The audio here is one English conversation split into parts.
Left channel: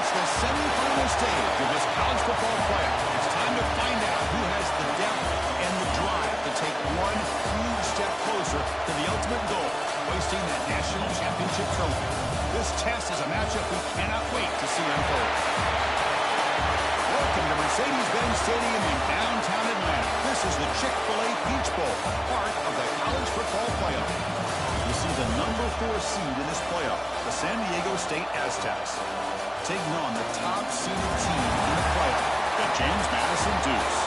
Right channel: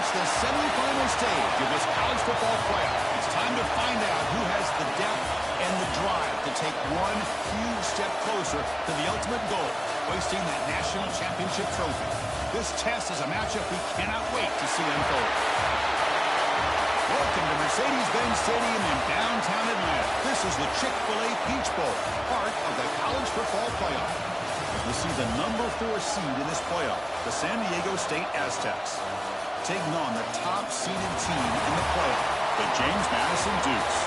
reached the semifinal stage of this college football playoff. It's time to find out who has the depth and the drive to take one huge step closer to the ultimate goal, hoisting that national championship trophy. This test is a matchup we cannot wait to see unfold. Welcome to Mercedes-Benz Stadium in downtown Atlanta. This is the Chick-fil-A Peach Bowl, part of the college football playoff. We'll see the number 4 seed in this playoff, the San Diego State Aztecs, taking on the top-seeded team in the playoff, the James Madison Dukes.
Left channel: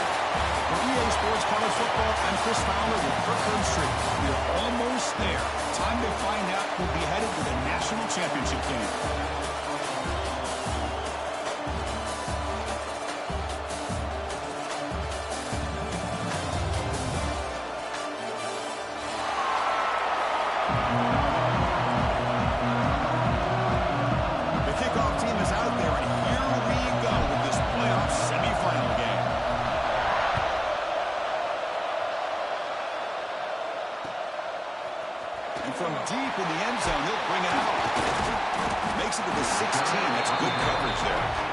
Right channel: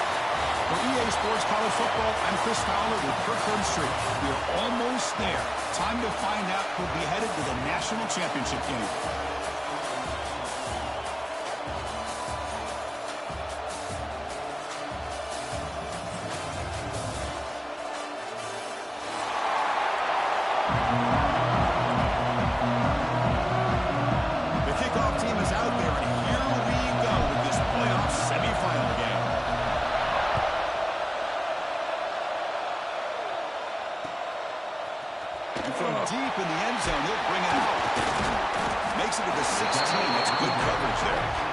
For EA Sports College Football, I'm Chris Fowler with Kirkland Street. We are almost there. Time to find out who'll be headed to the national championship game. The kickoff team is out there, and here we go with this playoff semifinal game. And from deep in the end zone, he'll bring it out. Makes it to the 16. That's good coverage there.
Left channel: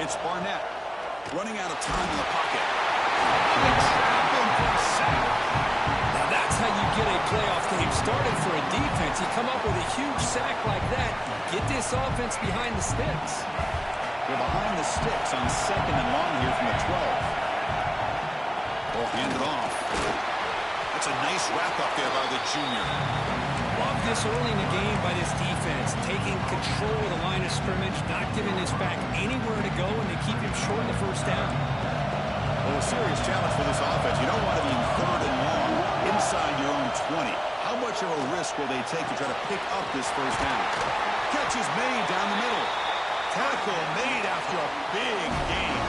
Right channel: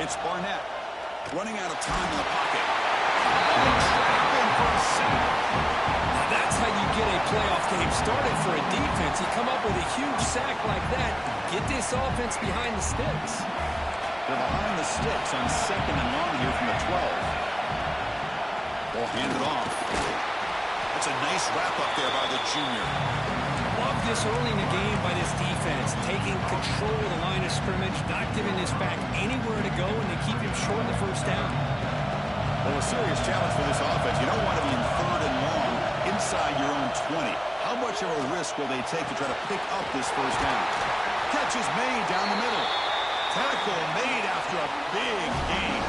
It's Barnett running out of time in the pocket. And they trap him for a sack. Now that's how you get a playoff game started for a defense. You come up with a huge sack like that, get this offense behind the sticks. They're behind the sticks on 2nd and long here from the 12. They'll hand it off. That's a nice wrap up there by the junior. Love this early in the game by this defense, taking control of the line of scrimmage, not giving this back anywhere to go, and they keep him short in the first down. Well, a serious challenge for this offense. You don't want to be in 3rd and long inside your own 20. How much of a risk will they take to try to pick up this first down? Catch is made down the middle. Tackle made after a big gain.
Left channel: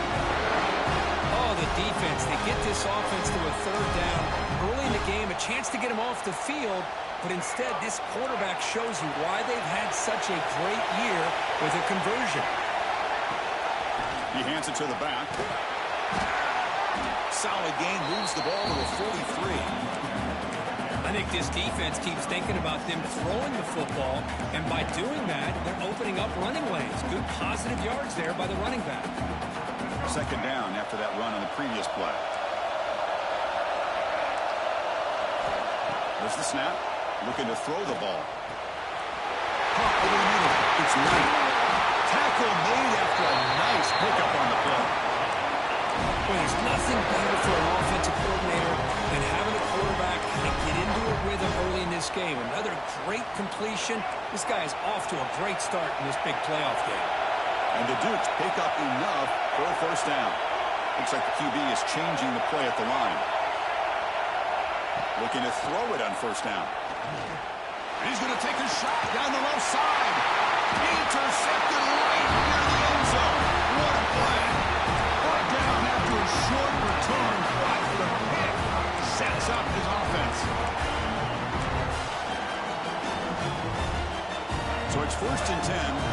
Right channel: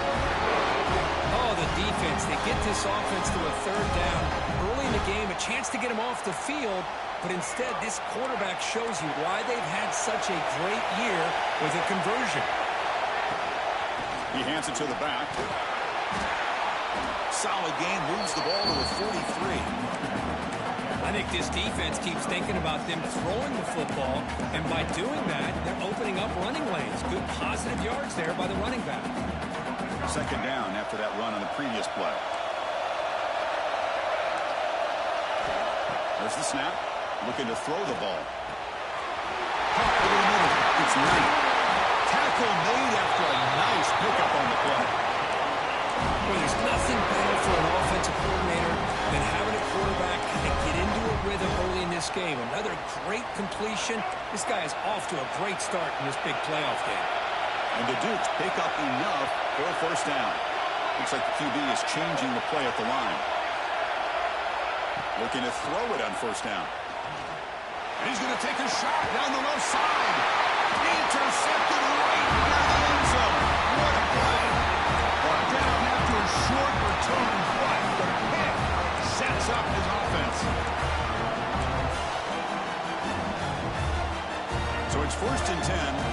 Oh, the defense, they get this offense to a 3rd down. Early in the game, a chance to get him off the field. But instead, this quarterback shows you why they've had such a great year with a conversion. He hands it to the back. Solid gain, moves the ball to the 43. I think this defense keeps thinking about them throwing the football, and by doing that, they're opening up running lanes. Good positive yards there by the running back. 2nd down after that run on the previous play. There's the snap. Looking to throw the ball. Pop over the middle. It's Knight. Tackle made after a nice pickup on the play. Well, there's nothing better for an offensive coordinator than having a quarterback kind of get into a rhythm early in this game. Another great completion. This guy is off to a great start in this big playoff game. And the Dukes pick up enough for a first down. Looks like the QB is changing the play at the line. Looking to throw it on first down. And he's going to take a shot down the left side. Intercepted right near the end zone. What a play. Brought down after a short return, but the pick sets up his offense. So it's 1st and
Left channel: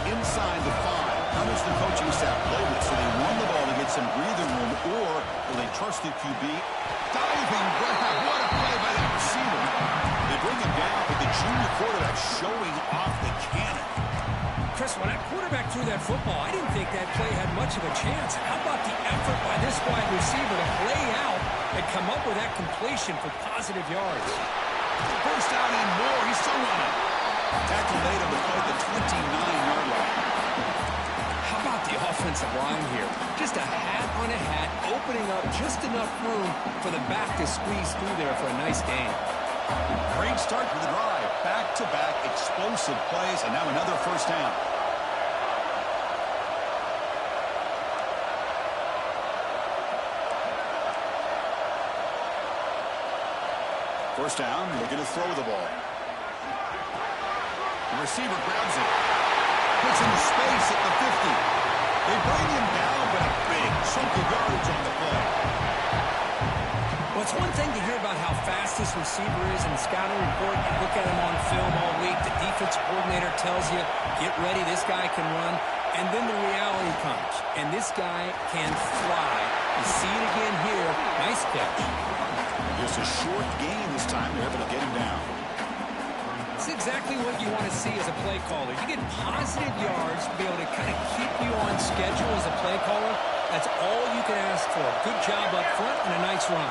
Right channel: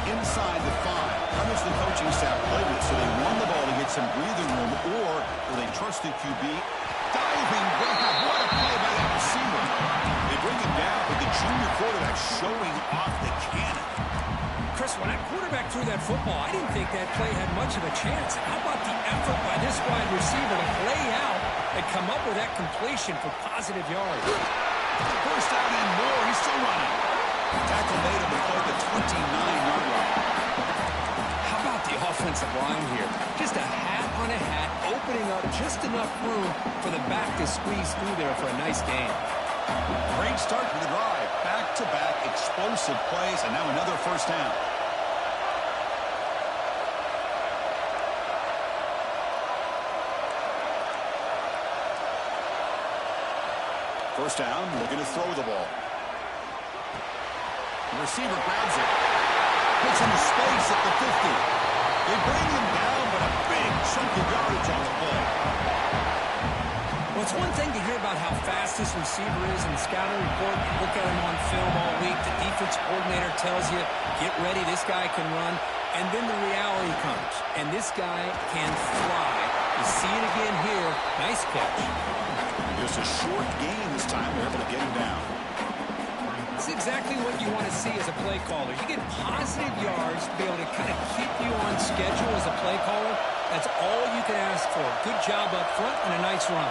10 inside the 5. How does the coaching staff play this? So they won the ball to get some breathing room, or will they trust the QB? Diving grab. What a play by that receiver. They bring him down, but the junior quarterback showing off the cannon. Chris, when that quarterback threw that football, I didn't think that play had much of a chance. How about the effort by this wide receiver to play out and come up with that completion for positive yards? First down and more. He's still running. Tackle made him to play the 29-yard line. How about the offensive line here? Just a hat on a hat, opening up just enough room for the back to squeeze through there for a nice gain. Great start to the drive. Back-to-back explosive plays, and now another first down. First down, looking to throw the ball. The receiver grabs it. Puts him in space at the 50. They bring him down, but a big chunk of yardage on the play. Well, it's one thing to hear about how fast this receiver is in the scouting report. You look at him on film all week. The defense coordinator tells you, get ready, this guy can run. And then the reality comes, and this guy can fly. You see it again here. Nice catch. And just a short gain this time. They're able to get him down. It's exactly what you want to see as a play caller. You get positive yards to be able to kind of keep you on schedule as a play caller. That's all you can ask for. Good job up front and a nice run.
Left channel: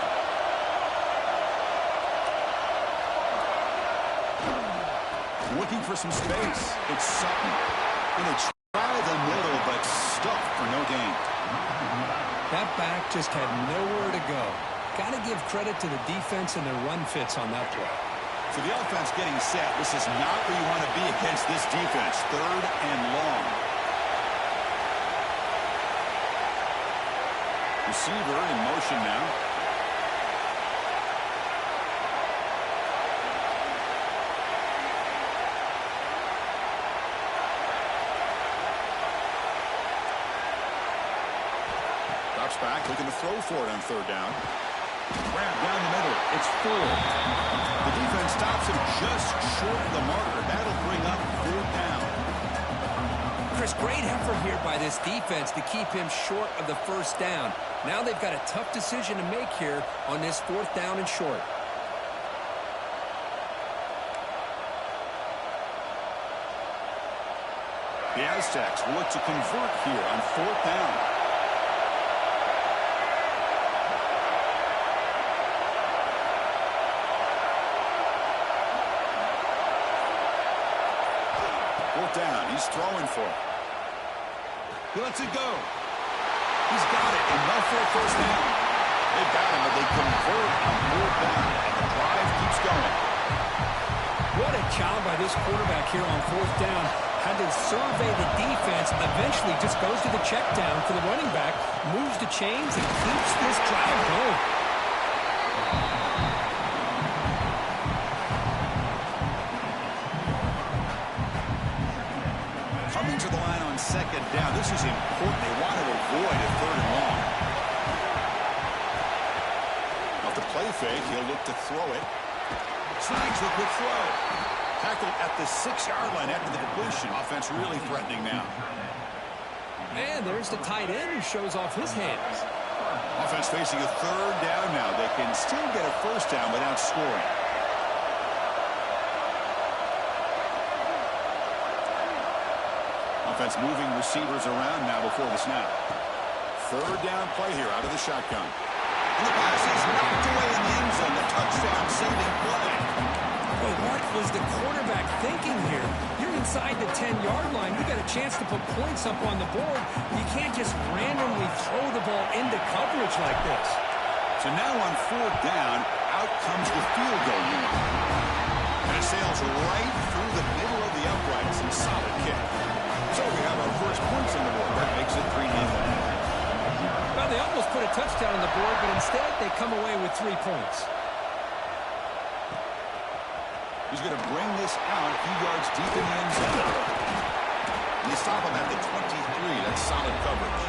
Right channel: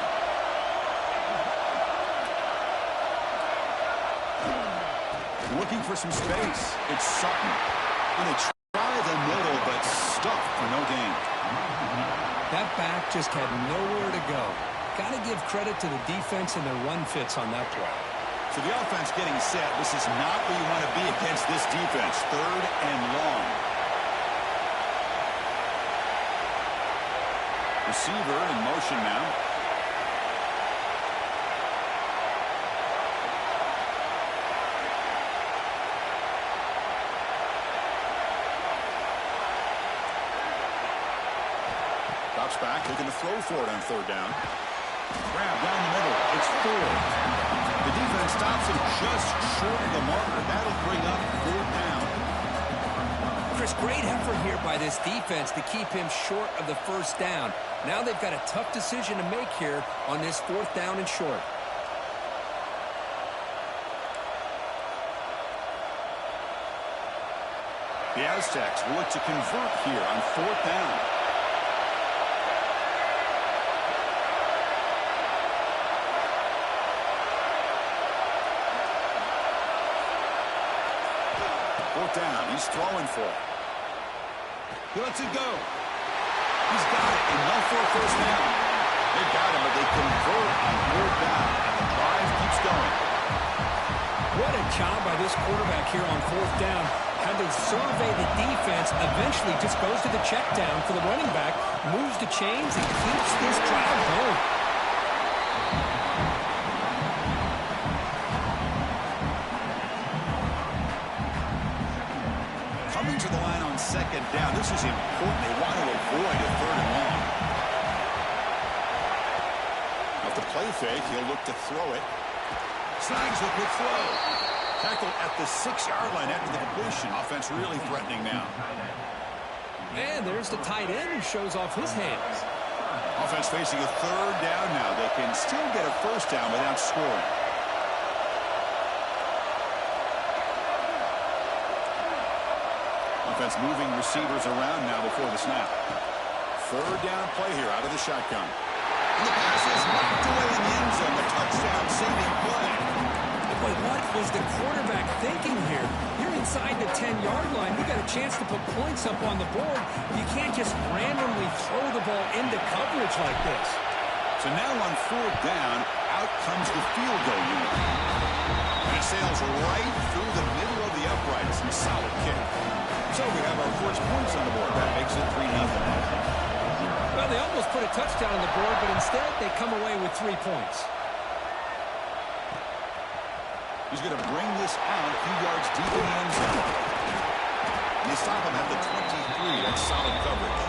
Looking for some space. It's Sutton. And they try the middle, but stuffed for no gain. That back just had nowhere to go. Got to give credit to the defense and their run fits on that play. So the offense getting set. This is not where you want to be against this defense. 3rd and long. Receiver in motion now. Drops back, looking to throw for it on 3rd down. Grab down the middle. It's Ford. The defense stops him just short of the marker. That'll bring up 4th down. Chris, great effort here by this defense to keep him short of the 1st down. Now they've got a tough decision to make here on this 4th down and short. The Aztecs will look to convert here on 4th down. Down. He's throwing for it. He lets it go. He's got it. Enough for a 1st down. They've got him, but they convert on 4th down, and the drive keeps going. What a job by this quarterback here on 4th down. Had to survey the defense. Eventually just goes to the check down for the running back. Moves the chains and keeps this drive going. Coming to the line on 2nd down. This is important. They want to avoid a 3rd and long. Off the play fake, he'll look to throw it. Snags the quick throw. Tackled at the 6-yard line after the completion. Offense really threatening now. And there's the tight end who shows off his hands. Offense facing a 3rd down now. They can still get a 1st down without scoring. Offense moving receivers around now before the snap. 3rd down play here out of the shotgun. And the pass is knocked away in the end zone. The touchdown saving play. Boy, what was the quarterback thinking here? You're inside the 10-yard line. You got a chance to put points up on the board. You can't just randomly throw the ball into coverage like this. So now on 4th down, out comes the field goal unit. And it sails right through the middle of the uprights. And solid kick. So we have our first points on the board. That makes it 3-0. Well, they almost put a touchdown on the board, but instead they come away with 3 points. He's going to bring this out a few yards deep in the end zone. And they stop him at the 23. That's solid coverage.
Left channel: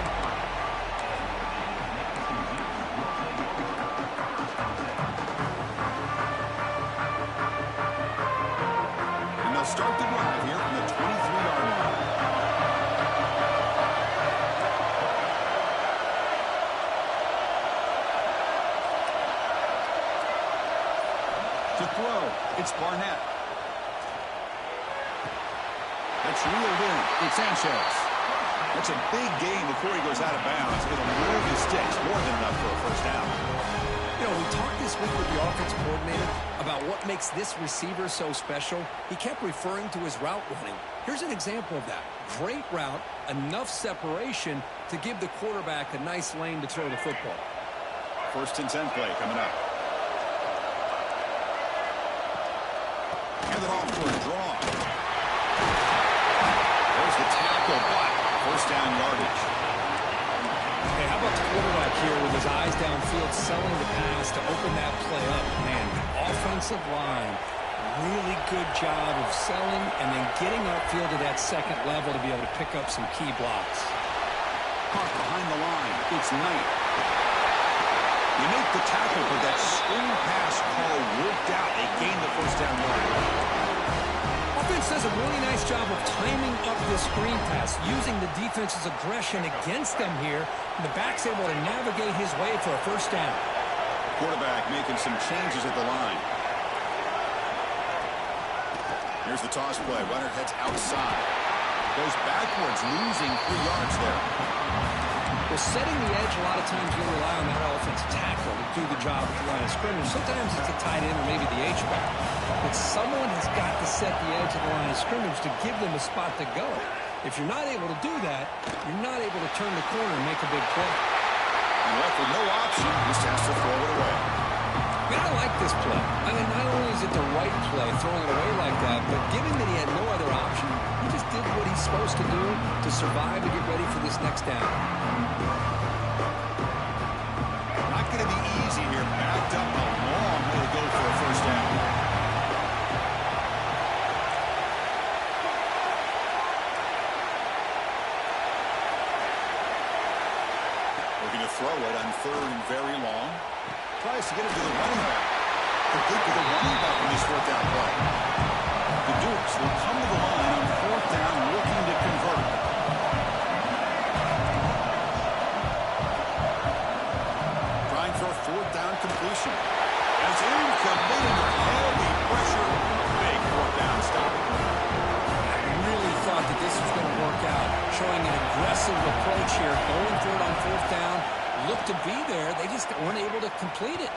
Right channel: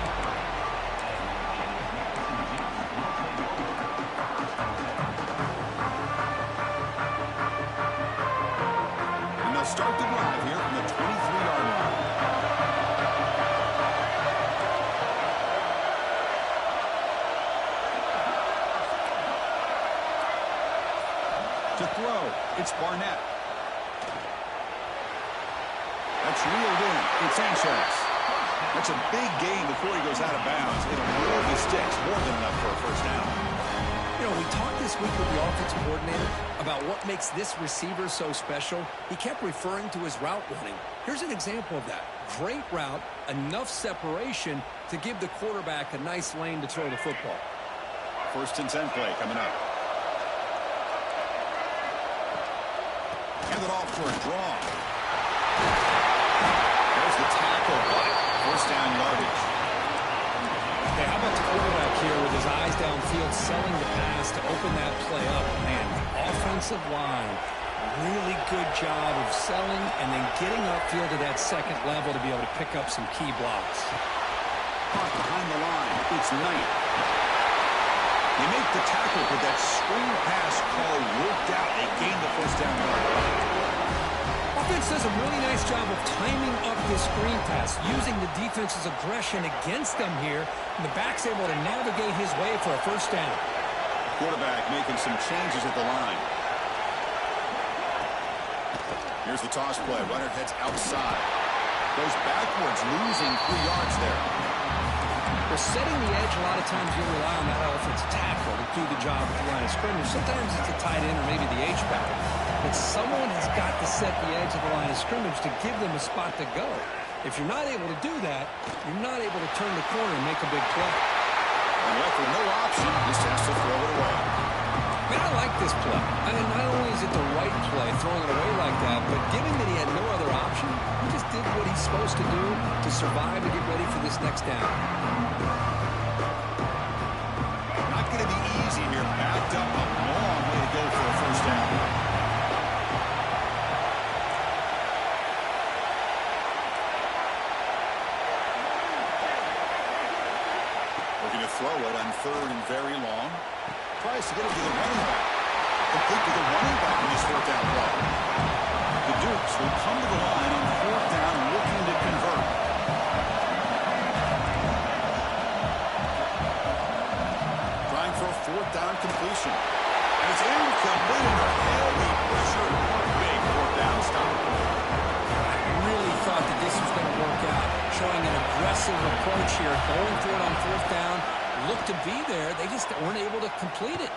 And they'll start the drive here from the 23-yard line. To throw, it's Barnett. That's reeled in. It's Sanchez. That's a big gain before he goes out of bounds. It'll move the sticks more than enough for a 1st down. You know, we talked this week with the offensive coordinator about what makes this receiver so special. He kept referring to his route running. Here's an example of that. Great route, enough separation to give the quarterback a nice lane to throw the football. 1st and 10 play coming up. Hand it off for a draw. There's the tackle, but 1st down yardage. Hey, how about the quarterback here with his eyes downfield selling the pass to open that play up? Man, the offensive line, really good job of selling and then getting upfield to that 2nd level to be able to pick up some key blocks. Caught behind the line. It's Knight. They make the tackle, but that screen pass call worked out. They gained the first down yard. Offense does a really nice job of timing up this screen pass, using the defense's aggression against them here, and the back's able to navigate his way for a first down. Quarterback making some changes at the line. Here's the toss play. Runner heads outside. Goes backwards, losing 3 yards there. Well, setting the edge, a lot of times you'll rely on that offensive tackle to do the job at the line of scrimmage. Sometimes it's a tight end or maybe the H-back. But someone has got to set the edge of the line of scrimmage to give them a spot to go. If you're not able to do that, you're not able to turn the corner and make a big play. And left with no option, just has to throw it away. I mean, I like this play. I mean, not only is it the right play, throwing it away like that, but given that he had no other option, he just did what he's supposed to do to survive and get ready for this next down. Not going to be easy here. Backed up a long way to go for a first down. Looking to throw it on 3rd and very long. Tries to get it to the running back. Complete to the running back in this 4th down play. The Dukes will come to the line on 4th down looking to convert. Trying for a 4th down completion. And it's incomplete under heavy pressure. Big 4th down stop. I really thought that this was going to work out. Showing an aggressive approach here. Going for it on 4th down. Looked to be there. They just weren't able to complete it.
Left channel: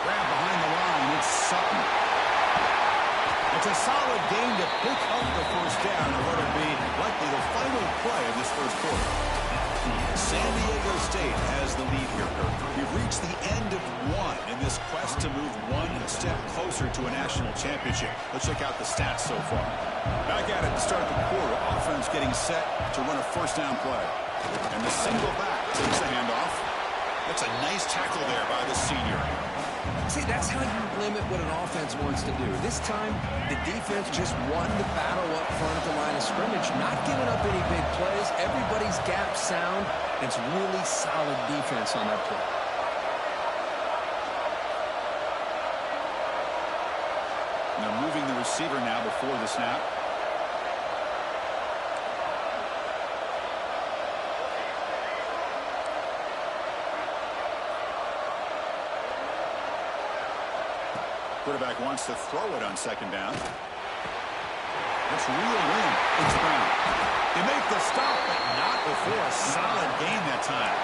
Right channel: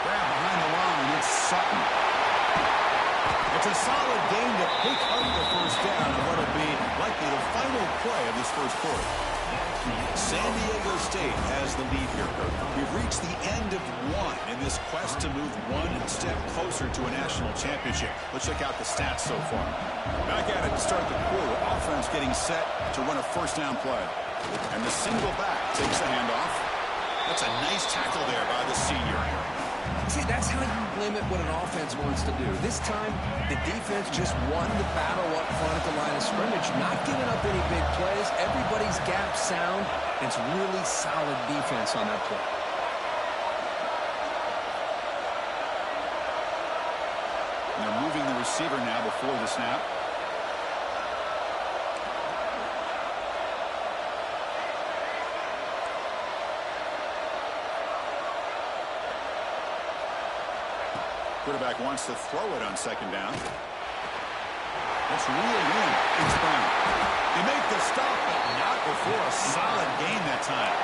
Grab behind the line. It's Sutton. It's a solid gain to pick up the first down on what will be likely the final play of this first quarter. San Diego State has the lead here, Kirk. We've reached the end of one in this quest to move one step closer to a national championship. Let's check out the stats so far. Back at it to start the quarter. Offense getting set to run a first down play. And the single back takes the handoff. That's a nice tackle there by the senior. See, that's how you limit what an offense wants to do. This time, the defense just won the battle up front at the line of scrimmage, not giving up any big plays. Everybody's gap sound. And it's really solid defense on that play. And they're moving the receiver now before the snap. Quarterback wants to throw it on 2nd down. That's reeled in. It's Brown. They make the stop, but not before a solid gain that time.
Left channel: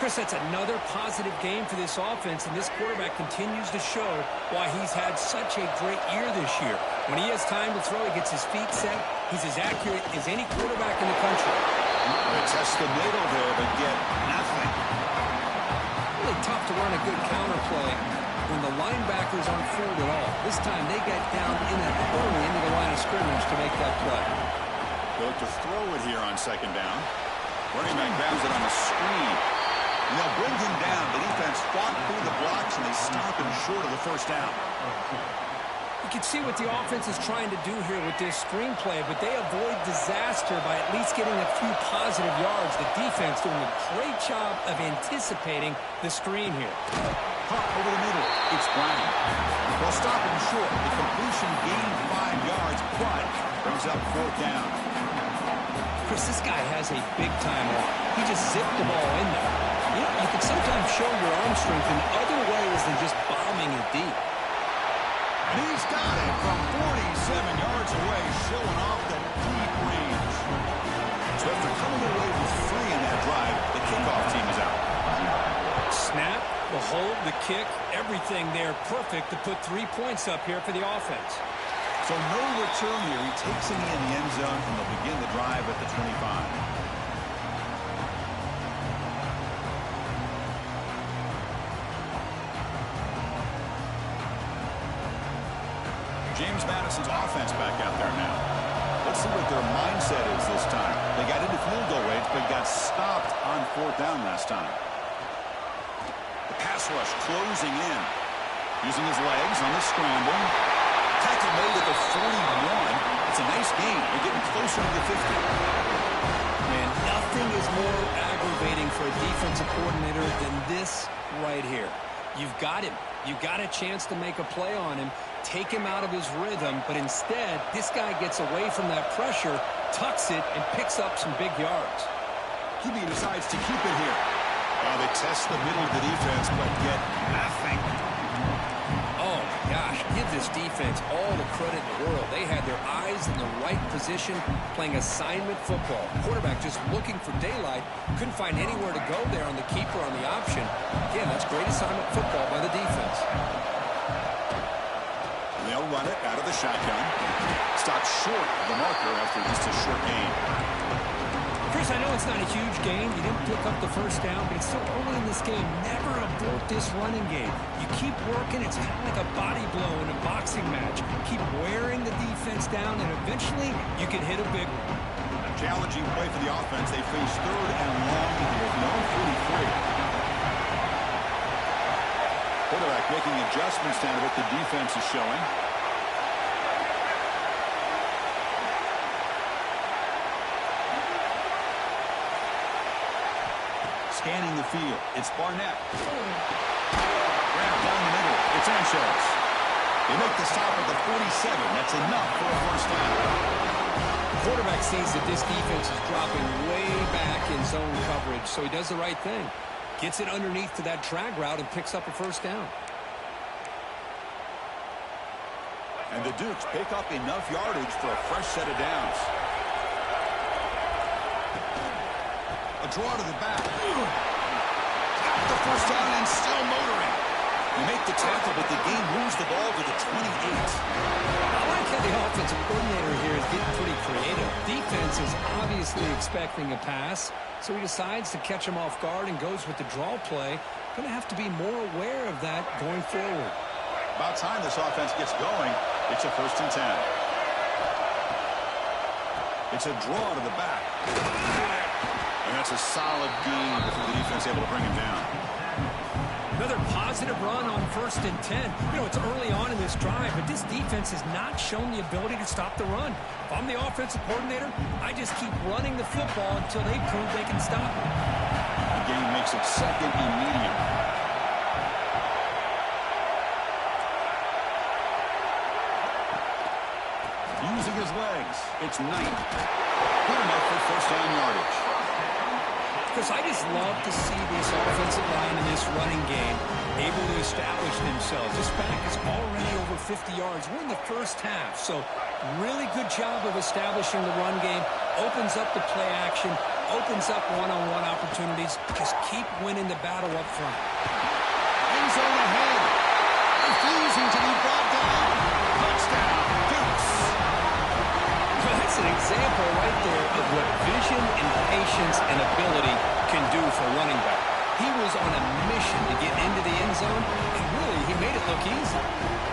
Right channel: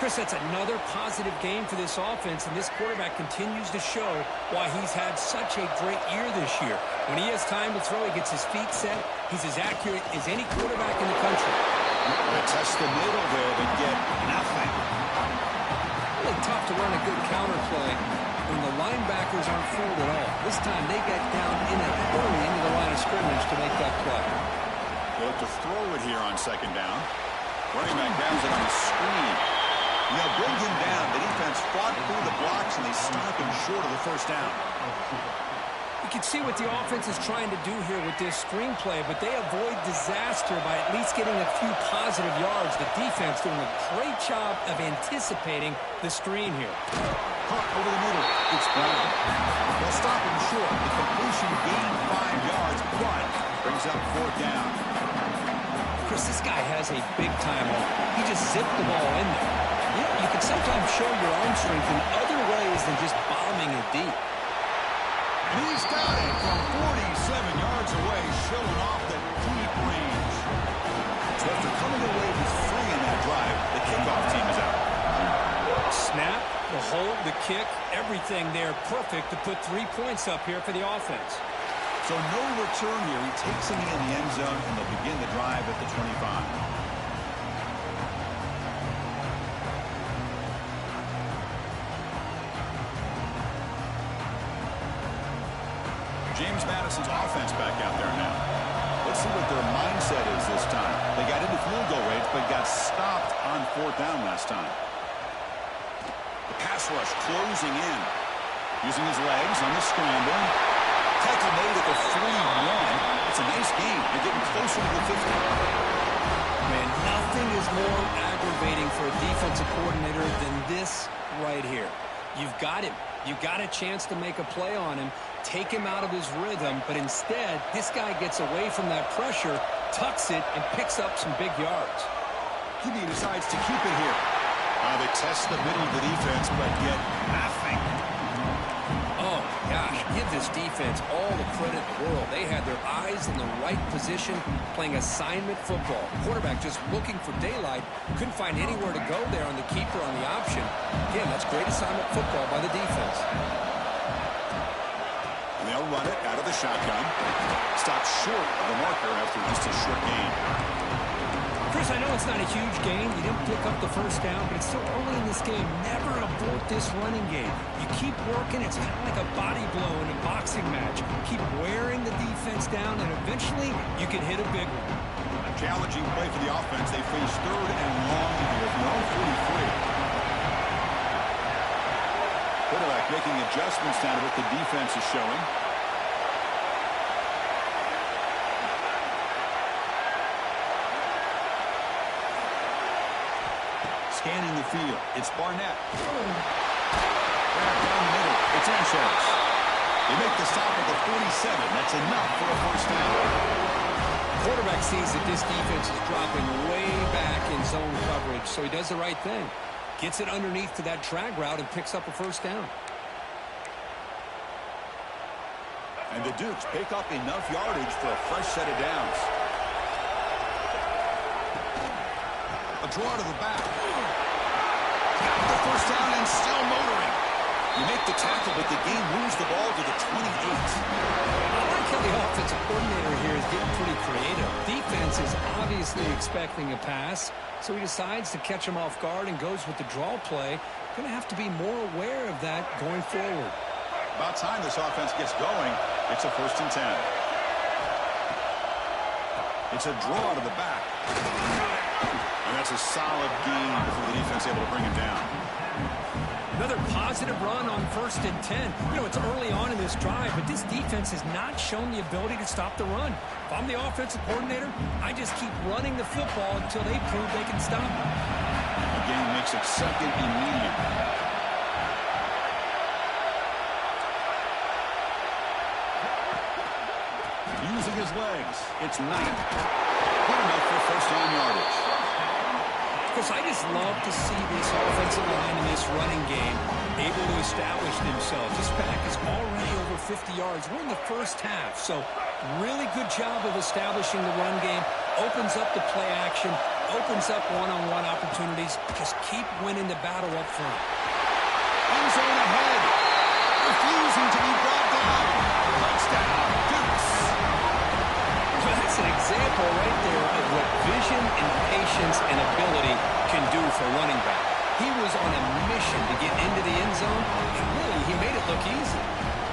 Chris, that's another positive game for this offense, and this quarterback continues to show why he's had such a great year this year. When he has time to throw, he gets his feet set. He's as accurate as any quarterback in the country. They test the middle there, but get nothing. Really tough to run a good counter play when the linebackers aren't fooled at all. This time they got down in a hurry into the line of scrimmage to make that play. They look to throw it here on 2nd down. Running back grabs it on the screen. And they'll bring him down. The defense fought through the blocks, and they stop him short of the first down. You can see what the offense is trying to do here with this screen play, but they avoid disaster by at least getting a few positive yards. The defense doing a great job of anticipating the screen here. Caught over the middle. It's Brown. They'll stop him short. The completion gained 5 yards, but brings up 4th down. Chris, this guy has a big-time arm. He just zipped the ball in there. You know, you can sometimes show your arm strength in other ways than just bombing it deep. And he's got it from 47 yards away, showing off that deep range. So after coming away with 3 in that drive, the kickoff team is out. Snap, the hold, the kick, everything there perfect to put 3 points up here for the offense. So no return here. He takes him in the end zone, and they'll begin the drive at the 25. James Madison's offense back out there now. Let's see what their mindset is this time. They got into field goal range, but got stopped on 4th down last time. The pass rush closing in. Using his legs on the scramble. Tackle made at the 41. It's a nice gain. They're getting closer to the 50. Man, nothing is more aggravating for a defensive coordinator than this right here. You've got him. You've got a chance to make a play on him, take him out of his rhythm, but instead, this guy gets away from that pressure, tucks it, and picks up some big yards. QB decides to keep it here. They test the middle of the defense, but get nothing. Oh, my gosh, give this defense all the credit in the world. They had their eyes in the right position, playing assignment football. Quarterback just looking for daylight, couldn't find anywhere to go there on the keeper on the option. Again, that's great assignment football by the defense. They'll run it out of the shotgun. Stops short of the marker after just a short gain. Chris, I know it's not a huge game. You didn't pick up the first down, but it's still early in this game. Never abort this running game. You keep working. It's kind of like a body blow in a boxing match. Keep wearing the defense down, and eventually you can hit a big one. A challenging play for the offense. They face 3rd and long here at the own 43. Quarterback making adjustments down to what the defense is showing. Scanning the field. It's Barnett. Grab down the middle. It's Sanchez. They make the stop at the 47. That's enough for a first down. Quarterback sees that this defense is dropping way back in zone coverage, so he does the right thing. Gets it underneath to that drag route and picks up a first down. And the Dukes pick up enough yardage for a fresh set of downs. A draw to the back. Got the first down and still motoring. You make the tackle, but the game moves the ball to the 28. I like how the offensive coordinator here is getting pretty creative. Defense is obviously expecting a pass, so he decides to catch him off guard and goes with the draw play. Going to have to be more aware of that going forward. About time this offense gets going. It's a 1st and 10. It's a draw to the back. And that's a solid gain before the defense able to bring him down. Another positive run on 1st and 10. You know, it's early on in this drive, but this defense has not shown the ability to stop the run. If I'm the offensive coordinator, I just keep running the football until they prove they can stop it. The game makes it 2nd and medium. Using his legs, it's Knight. Good enough for first down yardage. Chris, I just love to see this offensive line in this running game able to establish themselves. This pack is already over 50 yards. We're in the first half, so really good job of establishing the run game. Opens up the play action, opens up one-on-one opportunities. Just keep winning the battle up front. End zone ahead. Refusing to be brought down. Touchdown, Dukes. Well, that's an example right there of what vision and patience and ability can do for a running back. He was on a mission to get into the end zone, and really, he made it look easy.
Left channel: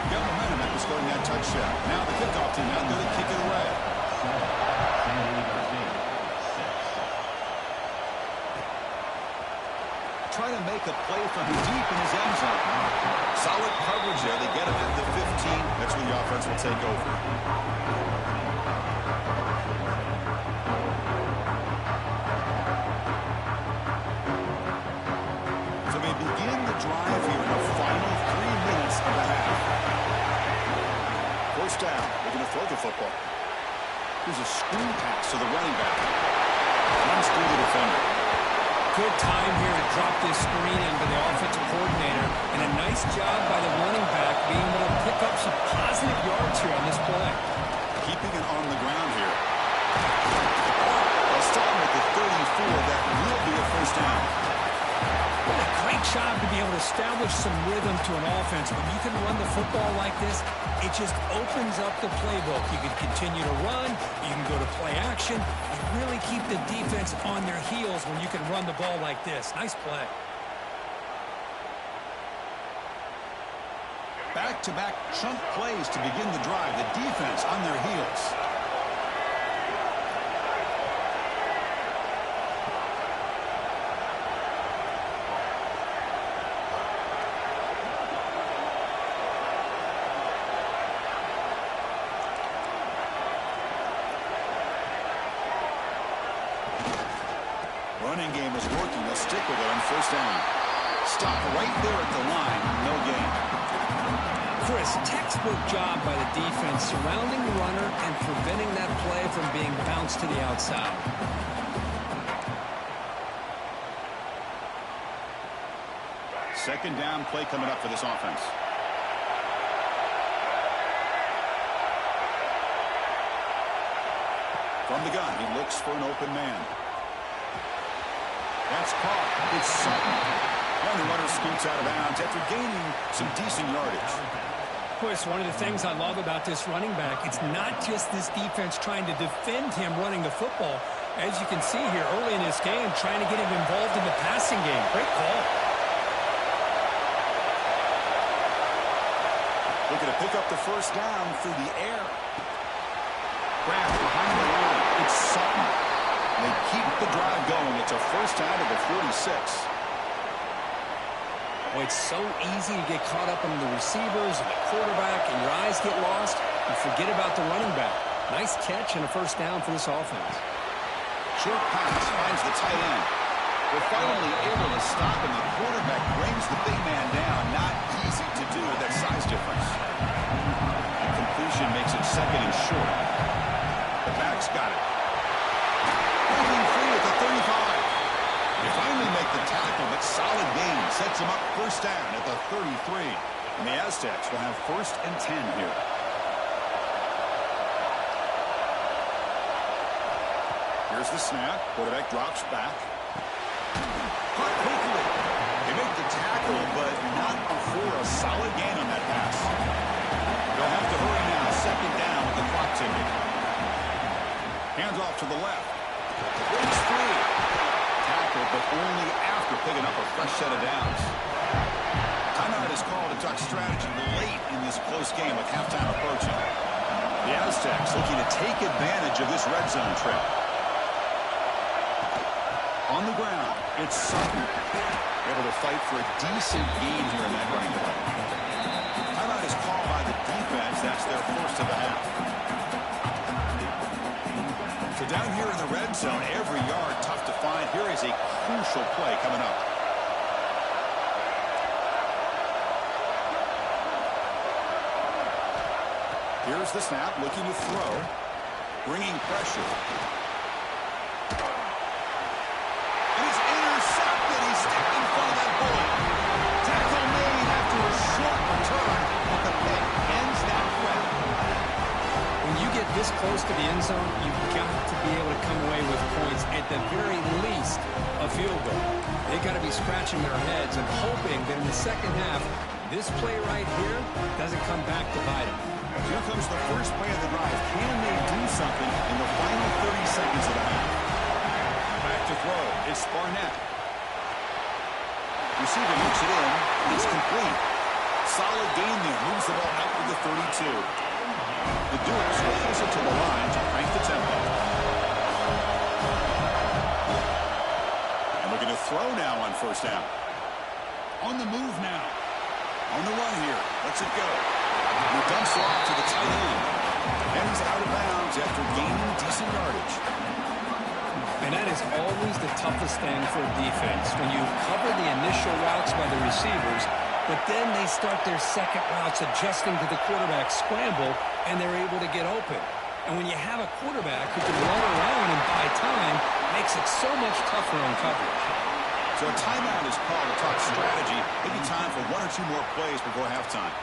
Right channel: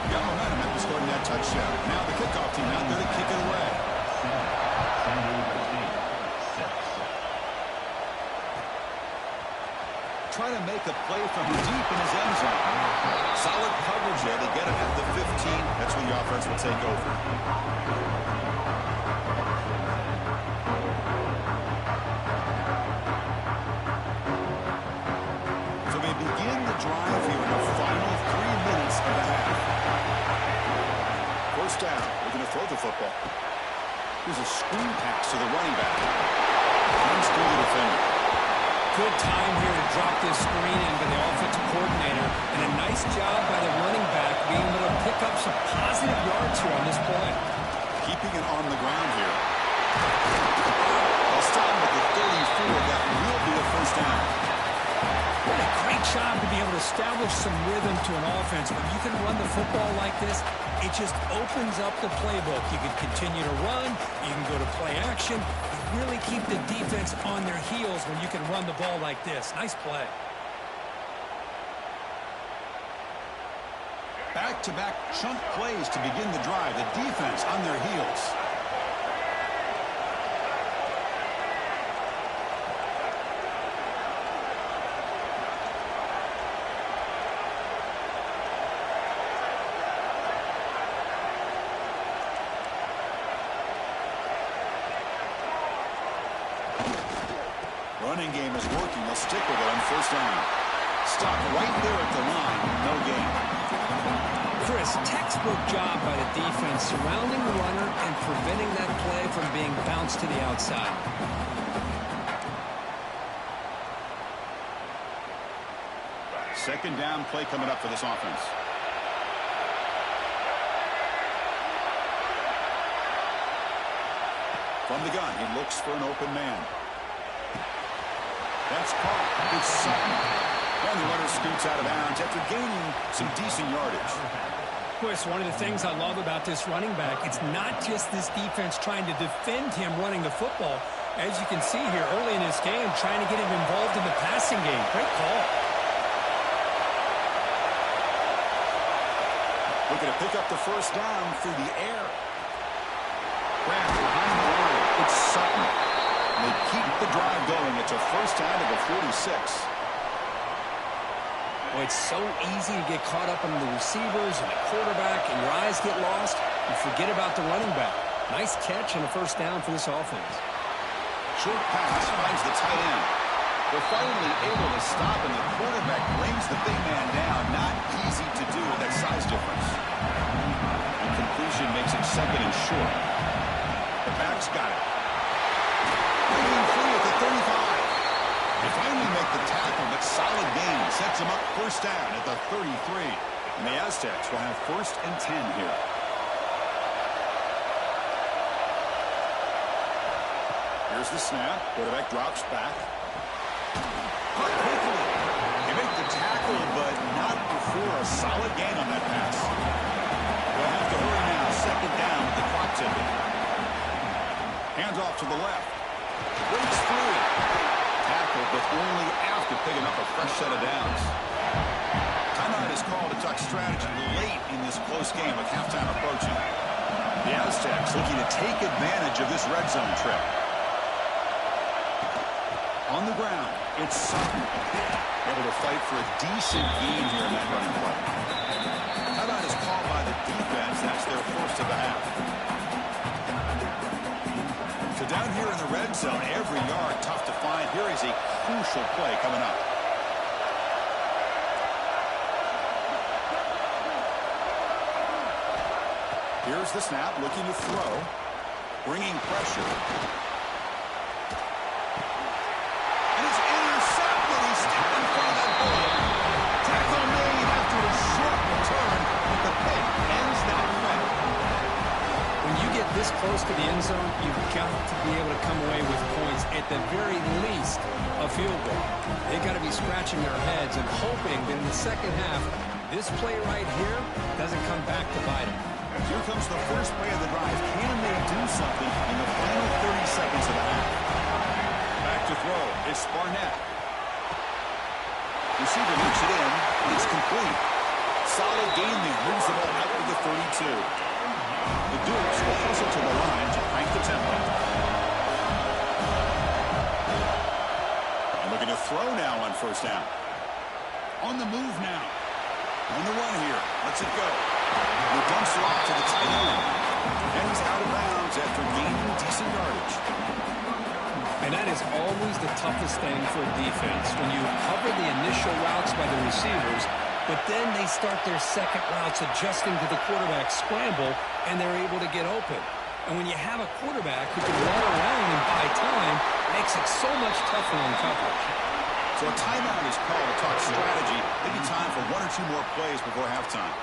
Got momentum after scoring that touchdown. Now the kickoff team out there to kick it away. Try to make a play from deep in his end zone. Solid coverage there. They get him at the 15. That's where the offense will take over. So they begin the drive here in the final 3 minutes of the half. First down. They're going to throw the football. Here's a screen pass to the running back. Runs through the defender. Good time here to drop this screen in by the offensive coordinator, and a nice job by the running back being able to pick up some positive yards here on this play. Keeping it on the ground here. They'll start with the 34. That will be a first down. What a great job to be able to establish some rhythm to an offense. When you can run the football like this, it just opens up the playbook. You can continue to run. You can go to play action. You really keep the defense on their heels when you can run the ball like this. Nice play. Back-to-back chunk plays to begin the drive. The defense on their heels. Running game is working. They'll stick with it on first down. Stop right there at the line. No gain. Chris, textbook job by the defense surrounding the runner and preventing that play from being bounced to the outside. Second down play coming up for this offense. From the gun, he looks for an open man. That's caught. It's Sutton. And the runner scoots out of bounds after gaining some decent yardage. Chris, one of the things I love about this running back, it's not just this defense trying to defend him running the football. As you can see here early in this game, trying to get him involved in the passing game. Great call. Looking to pick up the first down through the air. Grab behind the line. It's Sutton. They keep the drive going. It's a first down to the 46. Well, it's so easy to get caught up in the receivers and the quarterback, and your eyes get lost. You forget about the running back. Nice catch and a first down for this offense. Short pass finds the tight end. They're finally able to stop, and the quarterback brings the big man down. Not easy to do with that size difference. And completion makes it second and short. The back's got it. Breaking free at the 35. They finally make the tackle, but solid gain sets them up first down at the 33. And the Aztecs will have first and 10 here. Here's the snap. Quarterback drops back. Caught quickly. They make the tackle, but not before a solid gain on that pass. They'll have to hurry now. Second down with the clock ticking. Hands off to the left. Breaks free. Tackle, but only after picking up a fresh set of downs. Timeout is called to talk strategy late in this close game with halftime approaching. The Aztecs looking to take advantage of this red zone trip. On the ground, it's Sutton. Able to fight for a decent gain here in that running play. Timeout is called by the defense. That's their first of the half. So down here in the red zone, every yard tough to find. Here is a crucial play coming up. Here's the snap, looking to throw. Bringing pressure. And it's intercepted. He stepped in front of that bullet. Tackle made after a short return, but the pick ends that threat. When you get this close to the end zone, you've got to be able to come away with points, at the very least, a field goal. They've got to be scratching their heads and hoping that in the second half, this play right here doesn't come back to bite them. Here comes the first play of the drive. Can they do something in the final 30 seconds of the half? Back to throw. It's Barnett. Receiver looks it in. It's complete. Solid gain there. Moves the ball out to the 32. The Dukes will hustle to the line to crank the tempo. And looking to throw now on first down. On the move now. On the run here. Lets it go. He dumps it off to the tight end. And he's out of bounds after gaining decent yardage. And that is always the toughest thing for a defense, when you cover the initial routes by the receivers, but then they start their second routes adjusting to the quarterback scramble, and they're able to get open. And when you have a quarterback who can run around and buy time, it makes it so much tougher on coverage. So a timeout is called to talk strategy. Maybe time for one or two more plays before halftime.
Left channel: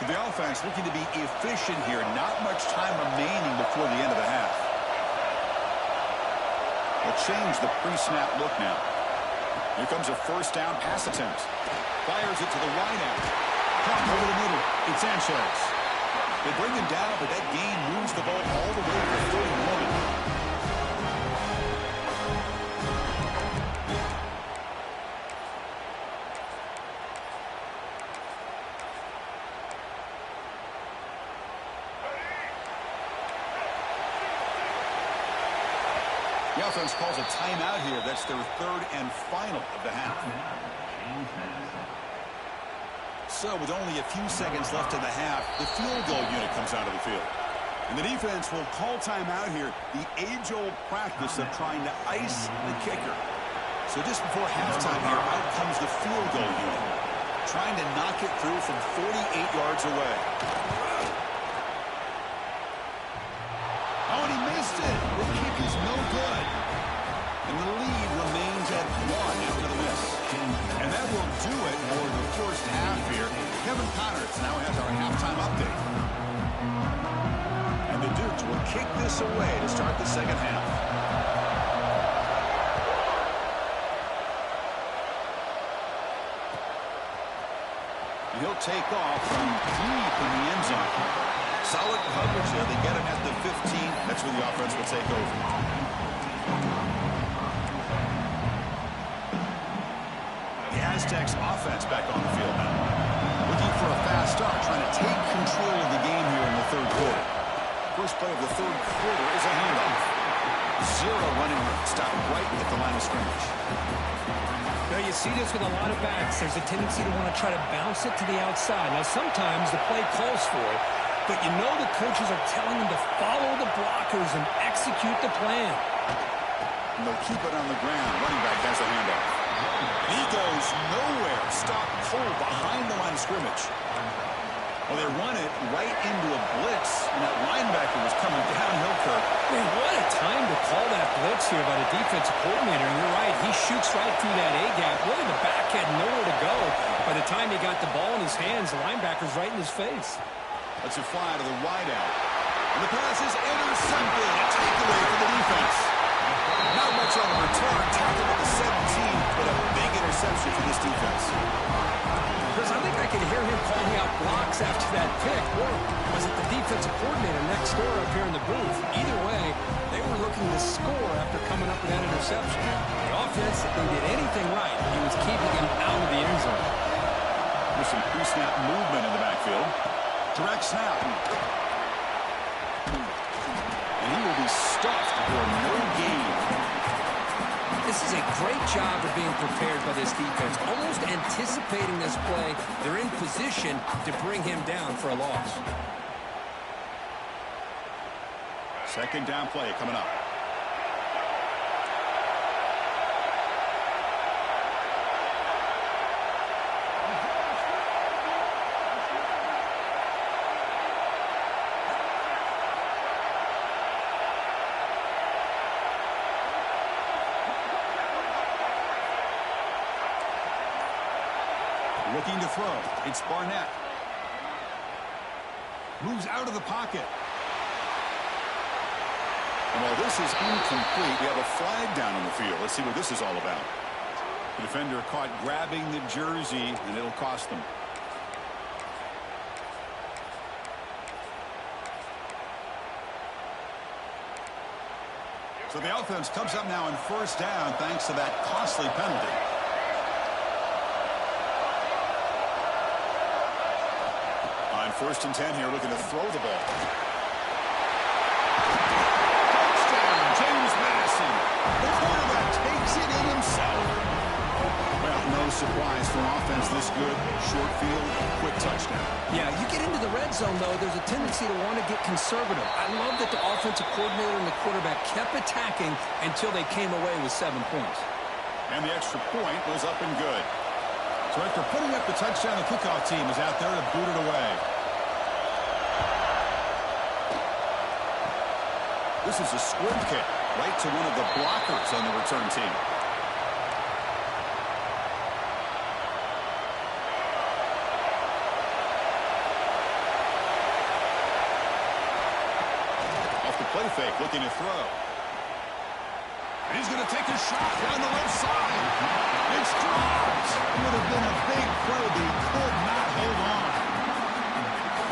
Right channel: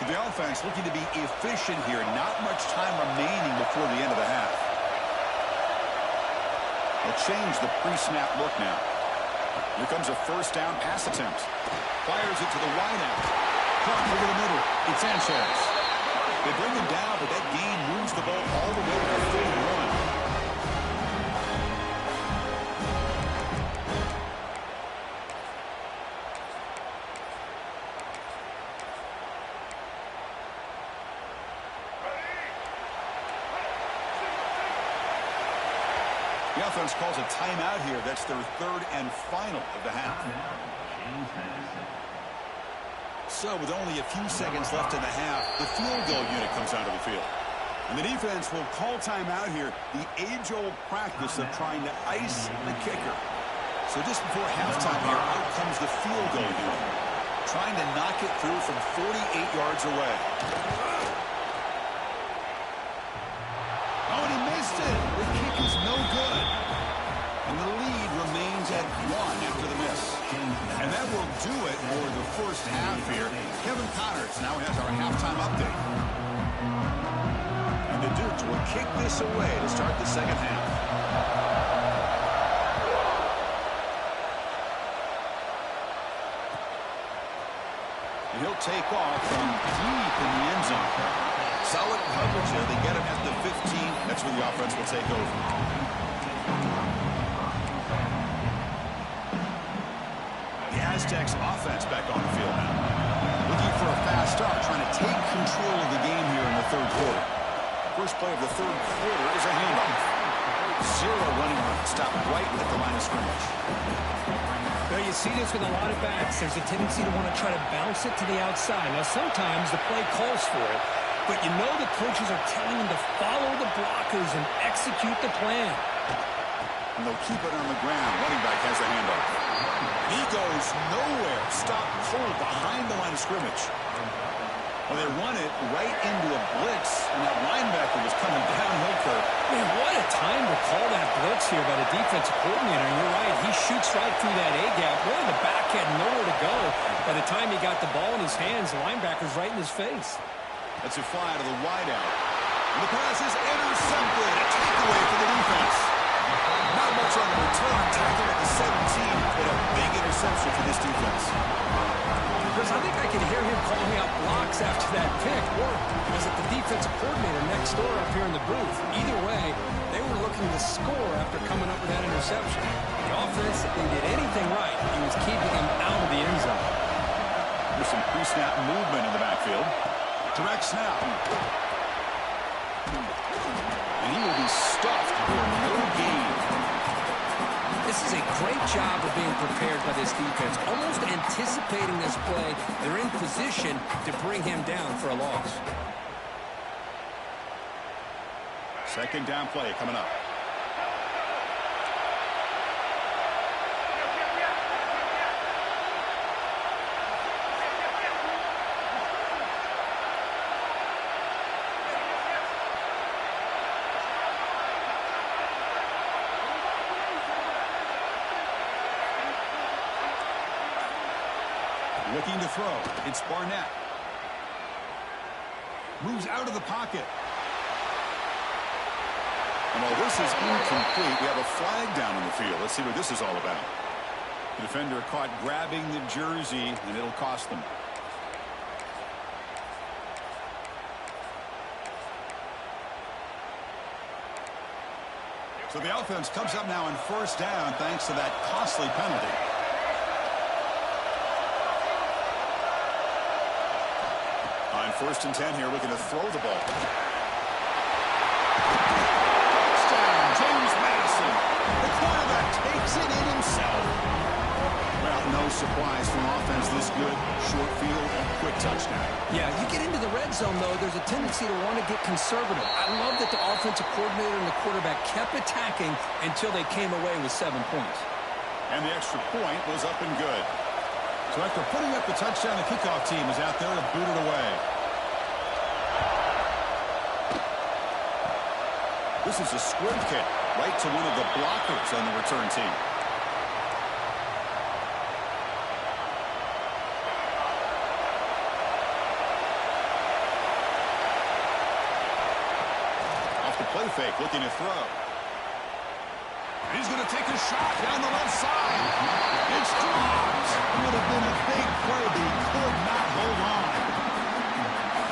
So the offense looking to be efficient here. Not much time remaining before the end of the half. They'll change the pre-snap look now. Here comes a first down pass attempt. Fires it to the wideout. Clock over the middle. It's Sanchez. They bring him down, but that gain moves the ball all the way to 31. The offense calls a timeout here. That's their third and final of the half. So with only a few seconds left in the half, the field goal unit comes out of the field. And the defense will call timeout here. The age-old practice of trying to ice the kicker. So just before halftime here, out comes the field goal unit. Trying to knock it through from 48 yards away. Oh, and he missed it. The kick is no good. And the lead remains at 1 after the miss. And that will do it for the first half here. Kevin Connors now has our halftime update. And the Dukes will kick this away to start the second half. And he'll take off from deep in the end zone. Solid coverage there. They get him at the 15. That's where the offense will take over. The Aztecs offense back on the field now. Looking for a fast start, trying to take control of the game here in the third quarter. First play of the third quarter is a handoff. Zero running room. Stopped right at the line of scrimmage. Well, you see this with a lot of backs. There's a tendency to want to try to bounce it to the outside. Now, sometimes the play calls for it, but you know the coaches are telling them to follow the blockers and execute the plan. And they'll keep it on the ground. Running back has the handoff. And he goes nowhere. Stopped cold behind the line of scrimmage. Well, they run it right into a blitz, and that linebacker was coming downhill, Kirk. Man, what a time to call that blitz here by the defensive coordinator. And you're right, he shoots right through that A-gap. Really, the back had nowhere to go. By the time he got the ball in his hands, the linebacker's right in his face. That's a fly to the wideout. And the pass is intercepted. A takeaway for the defense. Not much on the return. Tackled at the 17, but a big interception for this defense. Chris, I think I could hear him calling out blocks after that pick. Or was it the defensive coordinator next door up here in the booth? Either way, they were looking to score after coming up with that interception. The offense, if they did anything right, he was keeping him out of the end zone. There's some pre-snap movement in the backfield. Direct snap. And he will be stuffed for no gain. This is a great job of being prepared by this defense. Almost anticipating this play, they're in position to bring him down for a loss. Second down play coming up. Looking to throw. It's Barnett. Moves out of the pocket. And while this is incomplete, we have a flag down on the field. Let's see what this is all about. The defender caught grabbing the jersey, and it'll cost them. So the offense comes up now in first down thanks to that costly penalty. On 1st and 10 here, looking to throw the ball. Touchdown, James Madison. The quarterback takes it in himself. Well, no surprise for an offense this good. Short field, quick touchdown. Yeah, you get into the red zone, though, there's a tendency to want to get conservative. I love that the offensive coordinator and the quarterback kept attacking until they came away with 7 points. And the extra point was up and good. So after putting up the touchdown, the kickoff team is out there to boot it away. This is a squib kick right to one of the blockers on the return team. Off the play fake, looking to throw. And he's going to take a shot down the left side. It's dropped. It would have been a big play, but he could not hold on.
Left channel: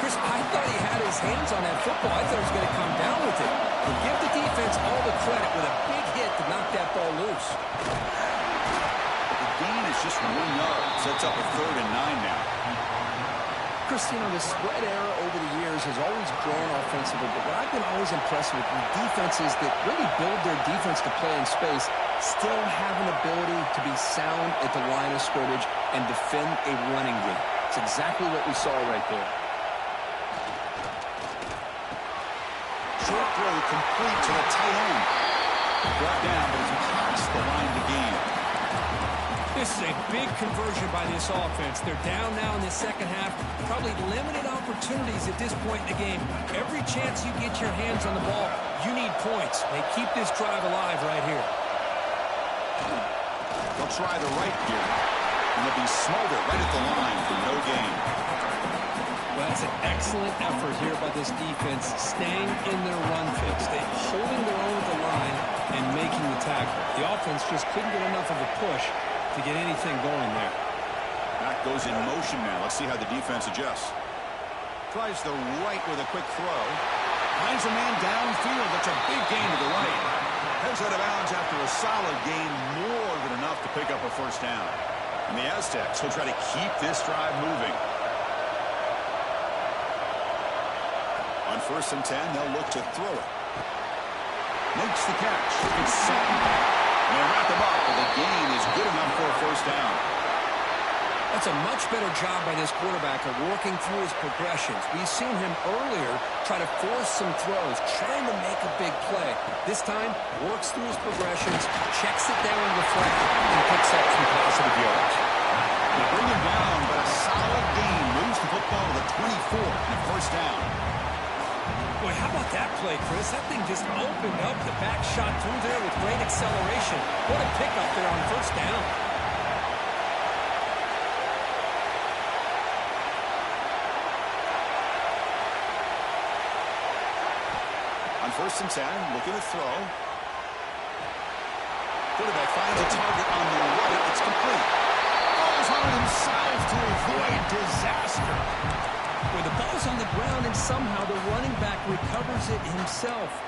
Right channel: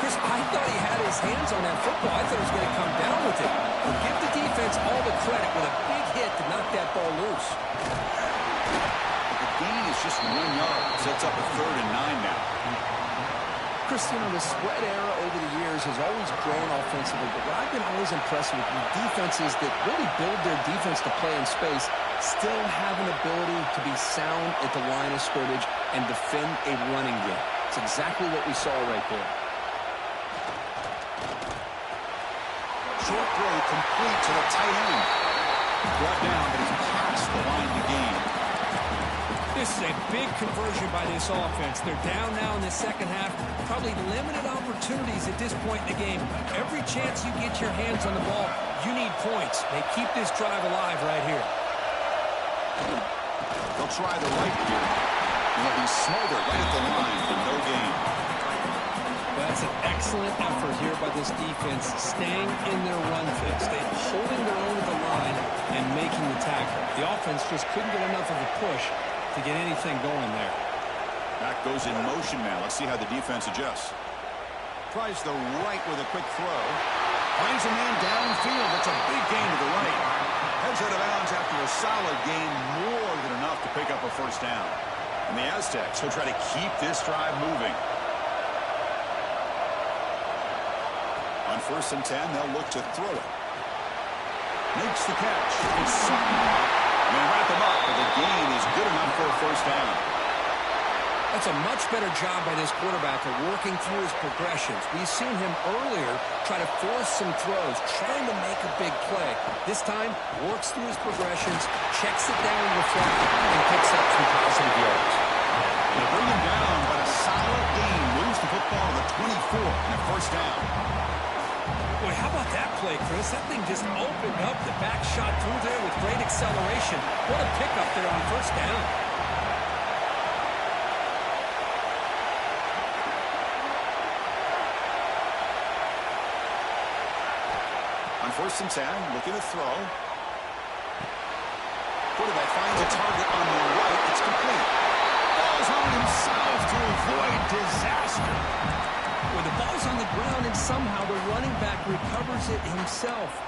Chris, I thought he had his hands on that football. I thought he was going to come down with it. But give the defense all the credit with a big hit to knock that ball loose. The gain is just 1 yard. Sets up a 3rd and 9 now. Chris, you know, the spread era over the years has always grown offensively, but what I've been always impressed with defenses that really build their defense to play in space still have an ability to be sound at the line of scrimmage and defend a running game. It's exactly what we saw right there. Short throw complete to the tight end. Brought down, but it's past the line to gain. This is a big conversion by this offense. They're down now in the second half. Probably limited opportunities at this point in the game. Every chance you get your hands on the ball, you need points. They keep this drive alive right here. They'll try the right here. And they'll be smothered right at the line for no gain. Well, that's an excellent effort here by this defense, staying in their run fix. They're holding their own at the line and making the tackle. The offense just couldn't get enough of a push to get anything going there. Back goes in motion now. Let's see how the defense adjusts. Tries the right with a quick throw. Finds a man downfield. That's a big gain to the right. Heads out of bounds after a solid gain, more than enough to pick up a first down. And the Aztecs will try to keep this drive moving. On 1st and 10, they'll look to throw it. Makes the catch. It's Sutton. They wrap him up, but the gain is good enough for a first down. That's a much better job by this quarterback of working through his progressions. We've seen him earlier try to force some throws, trying to make a big play. This time, works through his progressions, checks it down in the flat, and picks up some positive yards. They bring him down, but a solid gain moves the football to the 24 and a first down. Boy, how about that play, Chris? That thing just opened up. The back shot through there with great acceleration. What a pickup there on first down. On 1st and 10, looking to throw. Quarterback finds a target on the right. It's complete. Falls on himself to avoid disaster. Where the ball's on the ground and somehow the running back recovers it himself.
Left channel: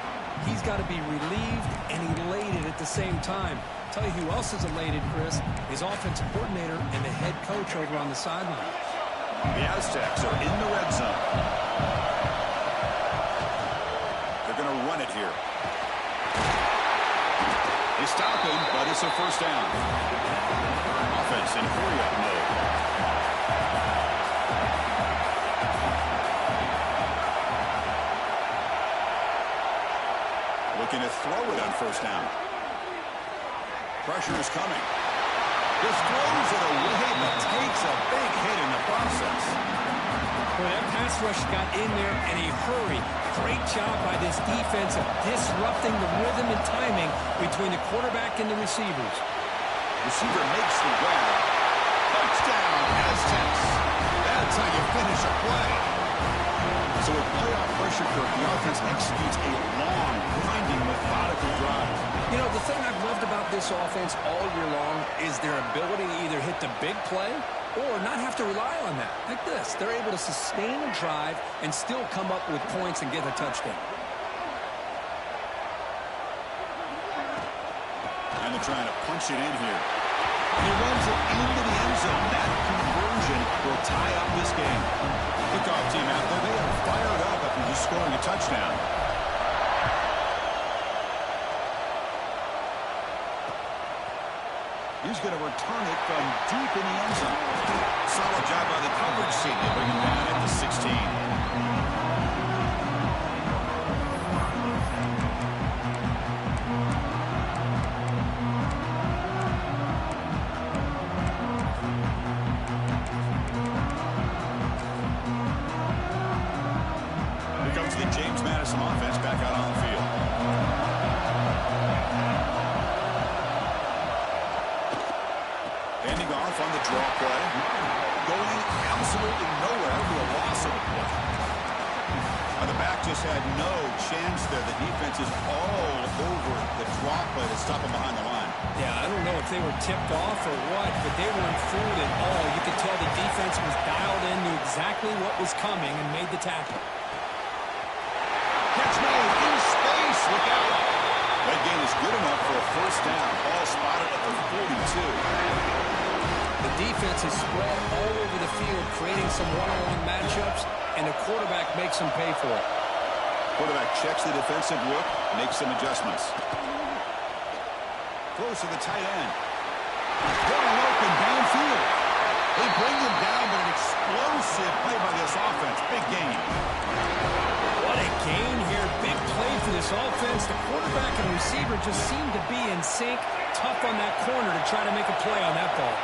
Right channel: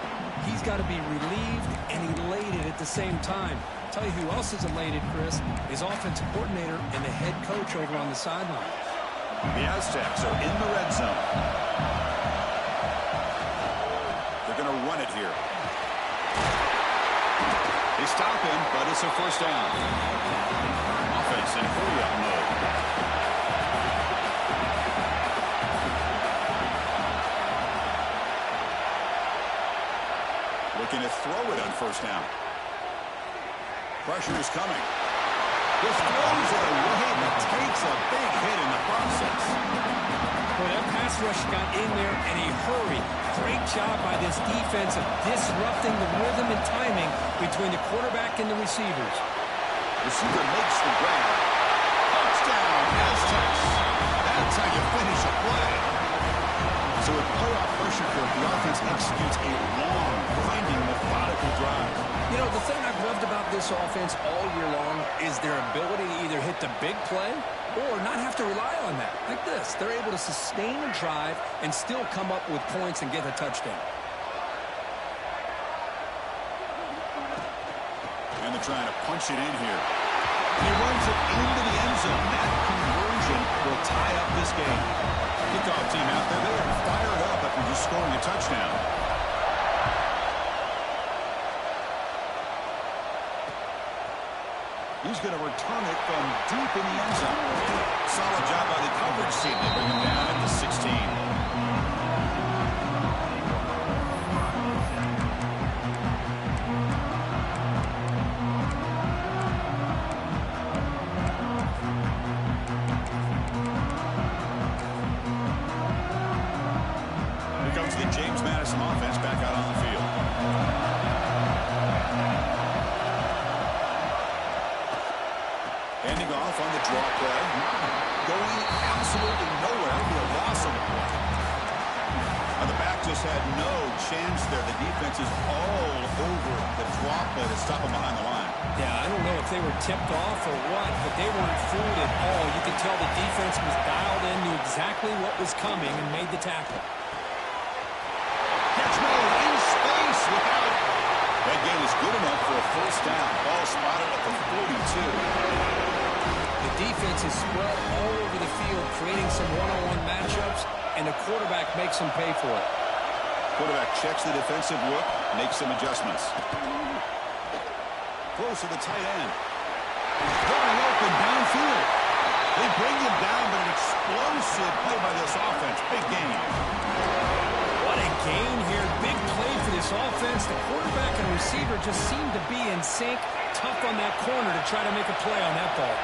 He's got to be relieved and elated at the same time. I'll tell you who else is elated, Chris. His offensive coordinator and the head coach over on the sideline. The Aztecs are in the red zone. They're going to run it here. They stop him, but it's a first down. Offense in hurry-up mode. Looking to throw it on first down. Pressure is coming. Just throws it away, but takes a big hit in the process. Well, that pass rush got in there in a hurry. Great job by this defense of disrupting the rhythm and timing between the quarterback and the receivers. Receiver makes the grab. Touchdown, Aztecs. That's how you finish a play. So with playoff pressure curve, the offense executes a long, grinding, methodical drive. You know, the thing I've loved about this offense all year long is their ability to either hit the big play or not have to rely on that. Like this, they're able to sustain a drive and still come up with points and get a touchdown. And they're trying to punch it in here. And he runs it into the end zone. That conversion will tie up this game. Kickoff team out there, they are fired up after just scoring a touchdown. He's going to return it from deep in the end zone. Solid job by the coverage team. They bring him down at the 16. Here comes the James Madison offense back out on the field. Handing off on the draw play. Going absolutely nowhere for a loss of the play. Now the back just had no chance there. The defense is all over the draw play to stop him behind the line. Yeah, I don't know if they were tipped off or what, but they weren't fooled at all. You could tell the defense was dialed in, knew exactly what was coming, and made the tackle. Catch made in space. Look out. That gain is good enough for a first down. Ball spotted at the 42. The defense is spread all over the field, creating some one-on-one matchups, and the quarterback makes them pay for it. Quarterback checks the defensive look, makes some adjustments. Throws to the tight end. Wide open downfield. They bring him down, but an explosive play by this offense. Big game. What a gain here. Big play for this offense. The quarterback and receiver just seem to be in sync. Tough on that corner to try to make a play on that ball.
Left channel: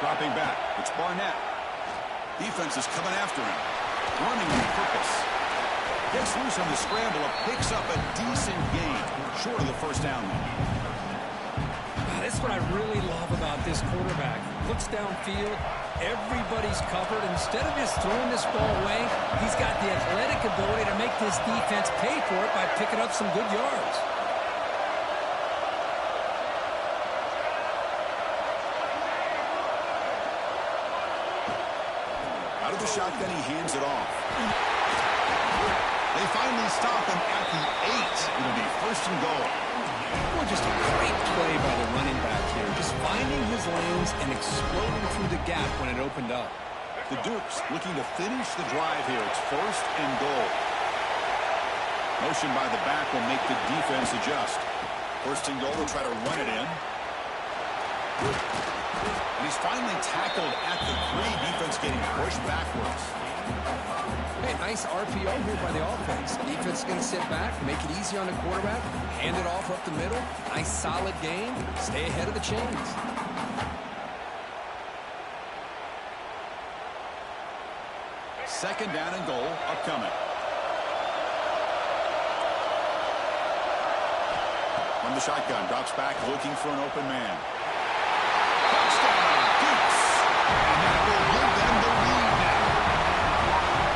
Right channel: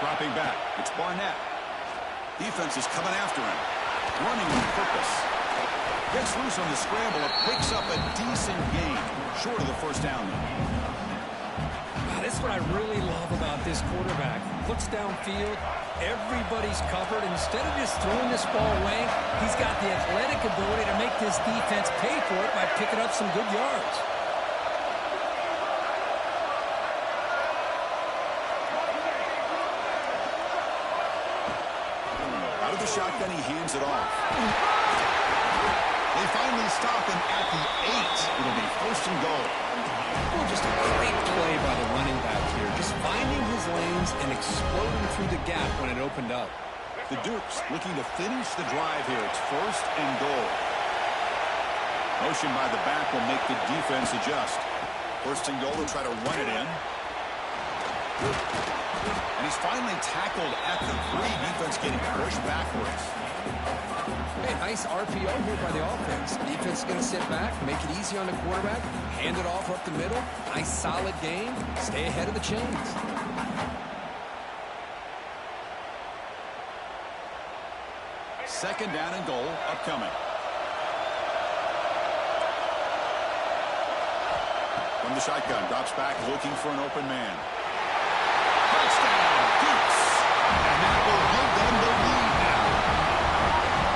Dropping back, it's Barnett. Defense is coming after him. Running on purpose. Gets loose on the scramble and picks up a decent gain. Short of the first down, though. Wow, this is what I really love about this quarterback. Looks downfield. Everybody's covered. Instead of just throwing this ball away, he's got the athletic ability to make this defense pay for it by picking up some good yards. Out of the shotgun, he hands it off. They finally stop him at the 8. It'll be first and goal. Well, just a great play by the running back here. Just finding his lanes and exploding through the gap when it opened up. The Dukes looking to finish the drive here. It's first and goal. Motion by the back will make the defense adjust. First and goal, they'll try to run it in. And he's finally tackled at the 3. Defense getting pushed backwards. Hey, nice RPO here by the offense. Defense is going to sit back, make it easy on the quarterback, hand it off up the middle. Nice solid game. Stay ahead of the chains. Second down and goal upcoming. From the shotgun, drops back looking for an open man. Touchdown, Dukes. And that will give them the lead now.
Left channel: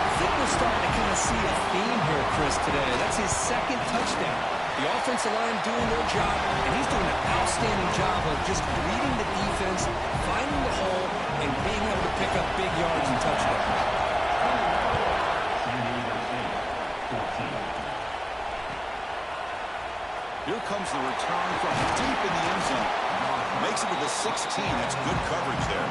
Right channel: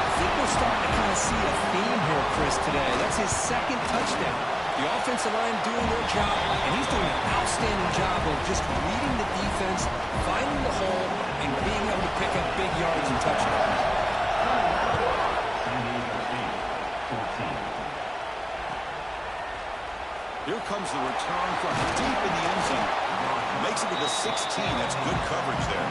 I think we're starting to kind of see a theme here, Chris, today. That's his second touchdown. The offensive line doing their job, and he's doing an outstanding job of just reading the defense, finding the hole, and being able to pick up big yards and touchdowns. Here comes the return from deep in the end zone. Makes it to the 16. That's good coverage there.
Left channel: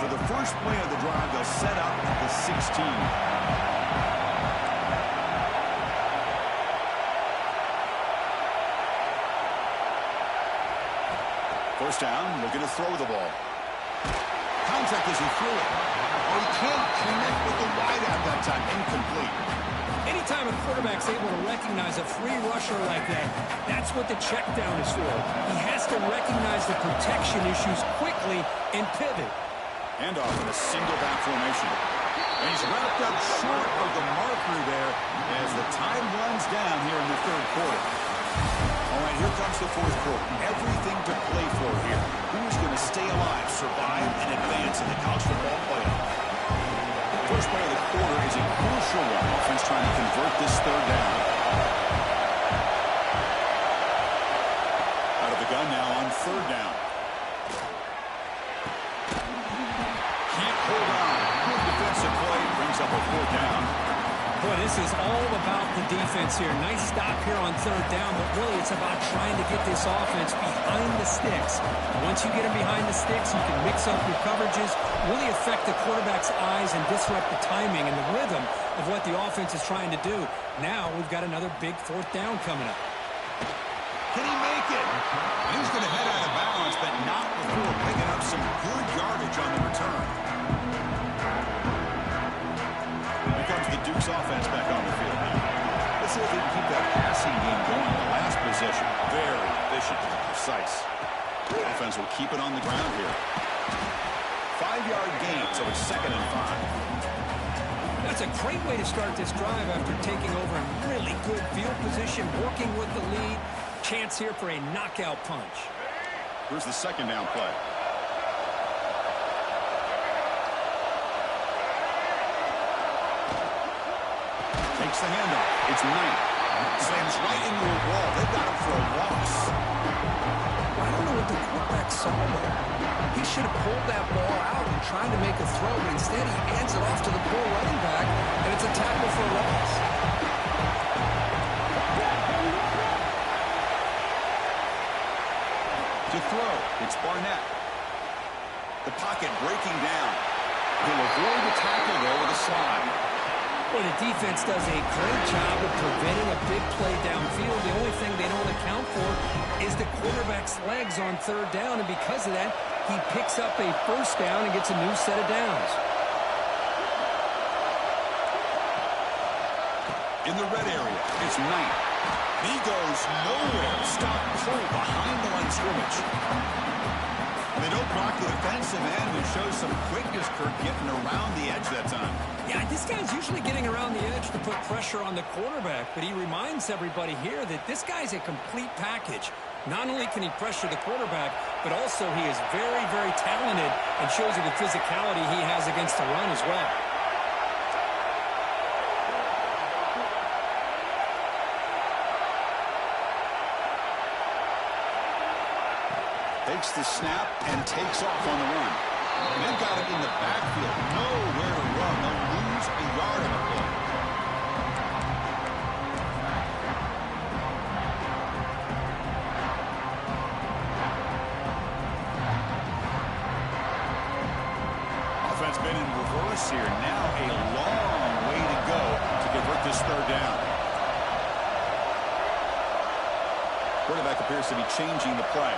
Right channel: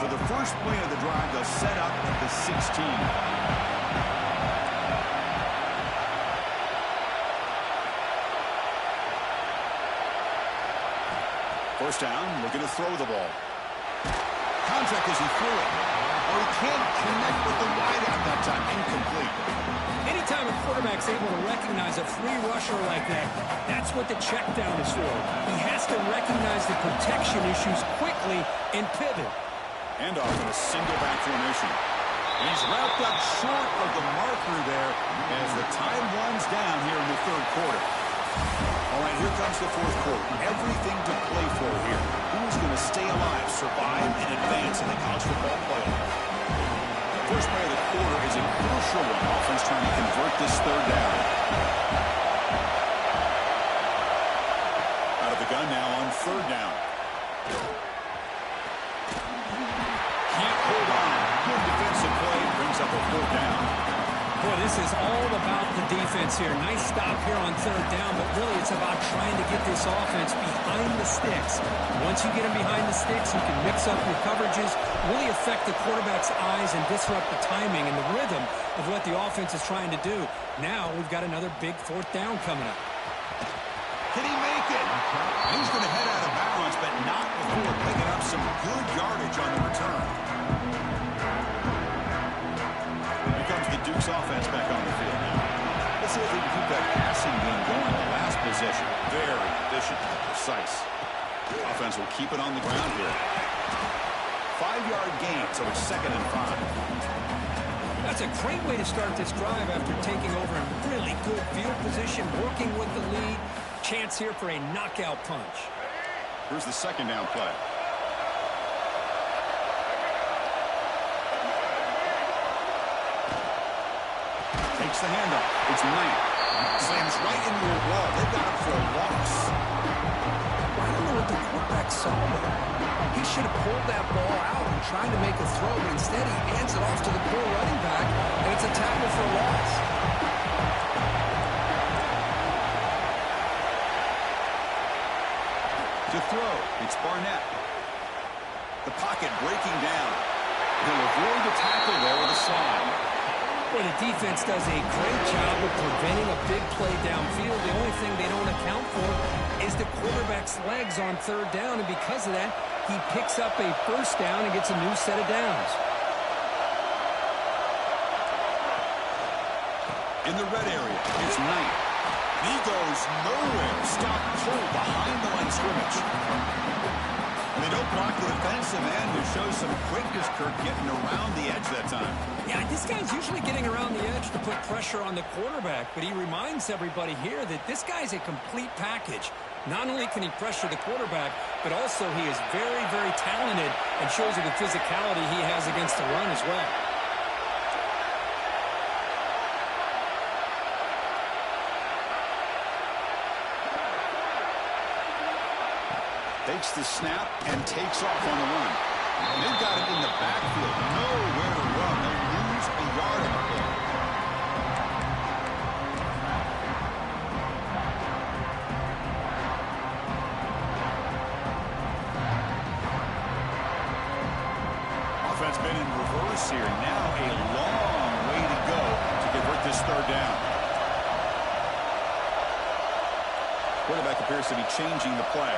For the first play of the drive, they'll set up at the 16. First down, looking to throw the ball. Contact as he threw it. Oh, he can't connect with the wideout that time. Incomplete. Anytime a quarterback's able to recognize a free rusher like that, that's what the check down is for. He has to recognize the protection issues quickly and pivot. And off in a single back formation. And he's wrapped up short of the marker there as the time runs down here in the third quarter. All right, here comes the fourth quarter. Everything to play for here. Who's going to stay alive, survive, and advance in the college football playoff? First play of the quarter is a crucial one. Offense trying to convert this third down. Out of the gun now on third down. Can't hold on. Good defensive play. Brings up a fourth down. Boy, this is all about the defense here. Nice stop here on third down, but really it's about trying to get this offense behind the sticks. Once you get them behind the sticks, you can mix up your coverages, really affect the quarterback's eyes and disrupt the timing and the rhythm of what the offense is trying to do. Now we've got another big fourth down coming up. Can he make it? He's going to head out of balance, but not before picking up some good yardage on the return. Here comes the Dukes offense back on the field now. Let's see if they can keep that passing game going. The last possession, very efficient and precise. The offense will keep it on the ground here. 5-yard gain, so it's 2nd and 5. That's a great way to start this drive after taking over in really good field position, working with the lead. Chance here for a knockout punch. Here's the second down play. Takes the handoff. It's Knight. Slams right into a wall. They've got him for a loss. I don't know what the quarterback saw there. He should have pulled that ball out and tried to make a throw, but instead he hands it off to the poor running back, and it's a tackle for a loss. To throw, it's Barnett. The pocket breaking down. He'll avoid the tackle there with a slide. Well, the defense does a great job of preventing a big play downfield. The only thing they don't account for is the quarterback's legs on third down, and because of that, he picks up a first down and gets a new set of downs. In the red area, it's Knight. He goes nowhere. Stop cold behind the line of scrimmage. And they don't block the defensive end, who shows some quickness, Kirk, getting around the edge that time. Yeah, this guy's usually getting around the edge to put pressure on the quarterback, but he reminds everybody here that this guy's a complete package. Not only can he pressure the quarterback, but also he is very, very talented and shows you the physicality he has against the run as well. Takes the snap and takes off on the run. They've got it in the backfield. Nowhere to run. They'll lose a yard on the play. Offense been in reverse here. Now a long way to go to convert this third down. Quarterback appears to be changing the play.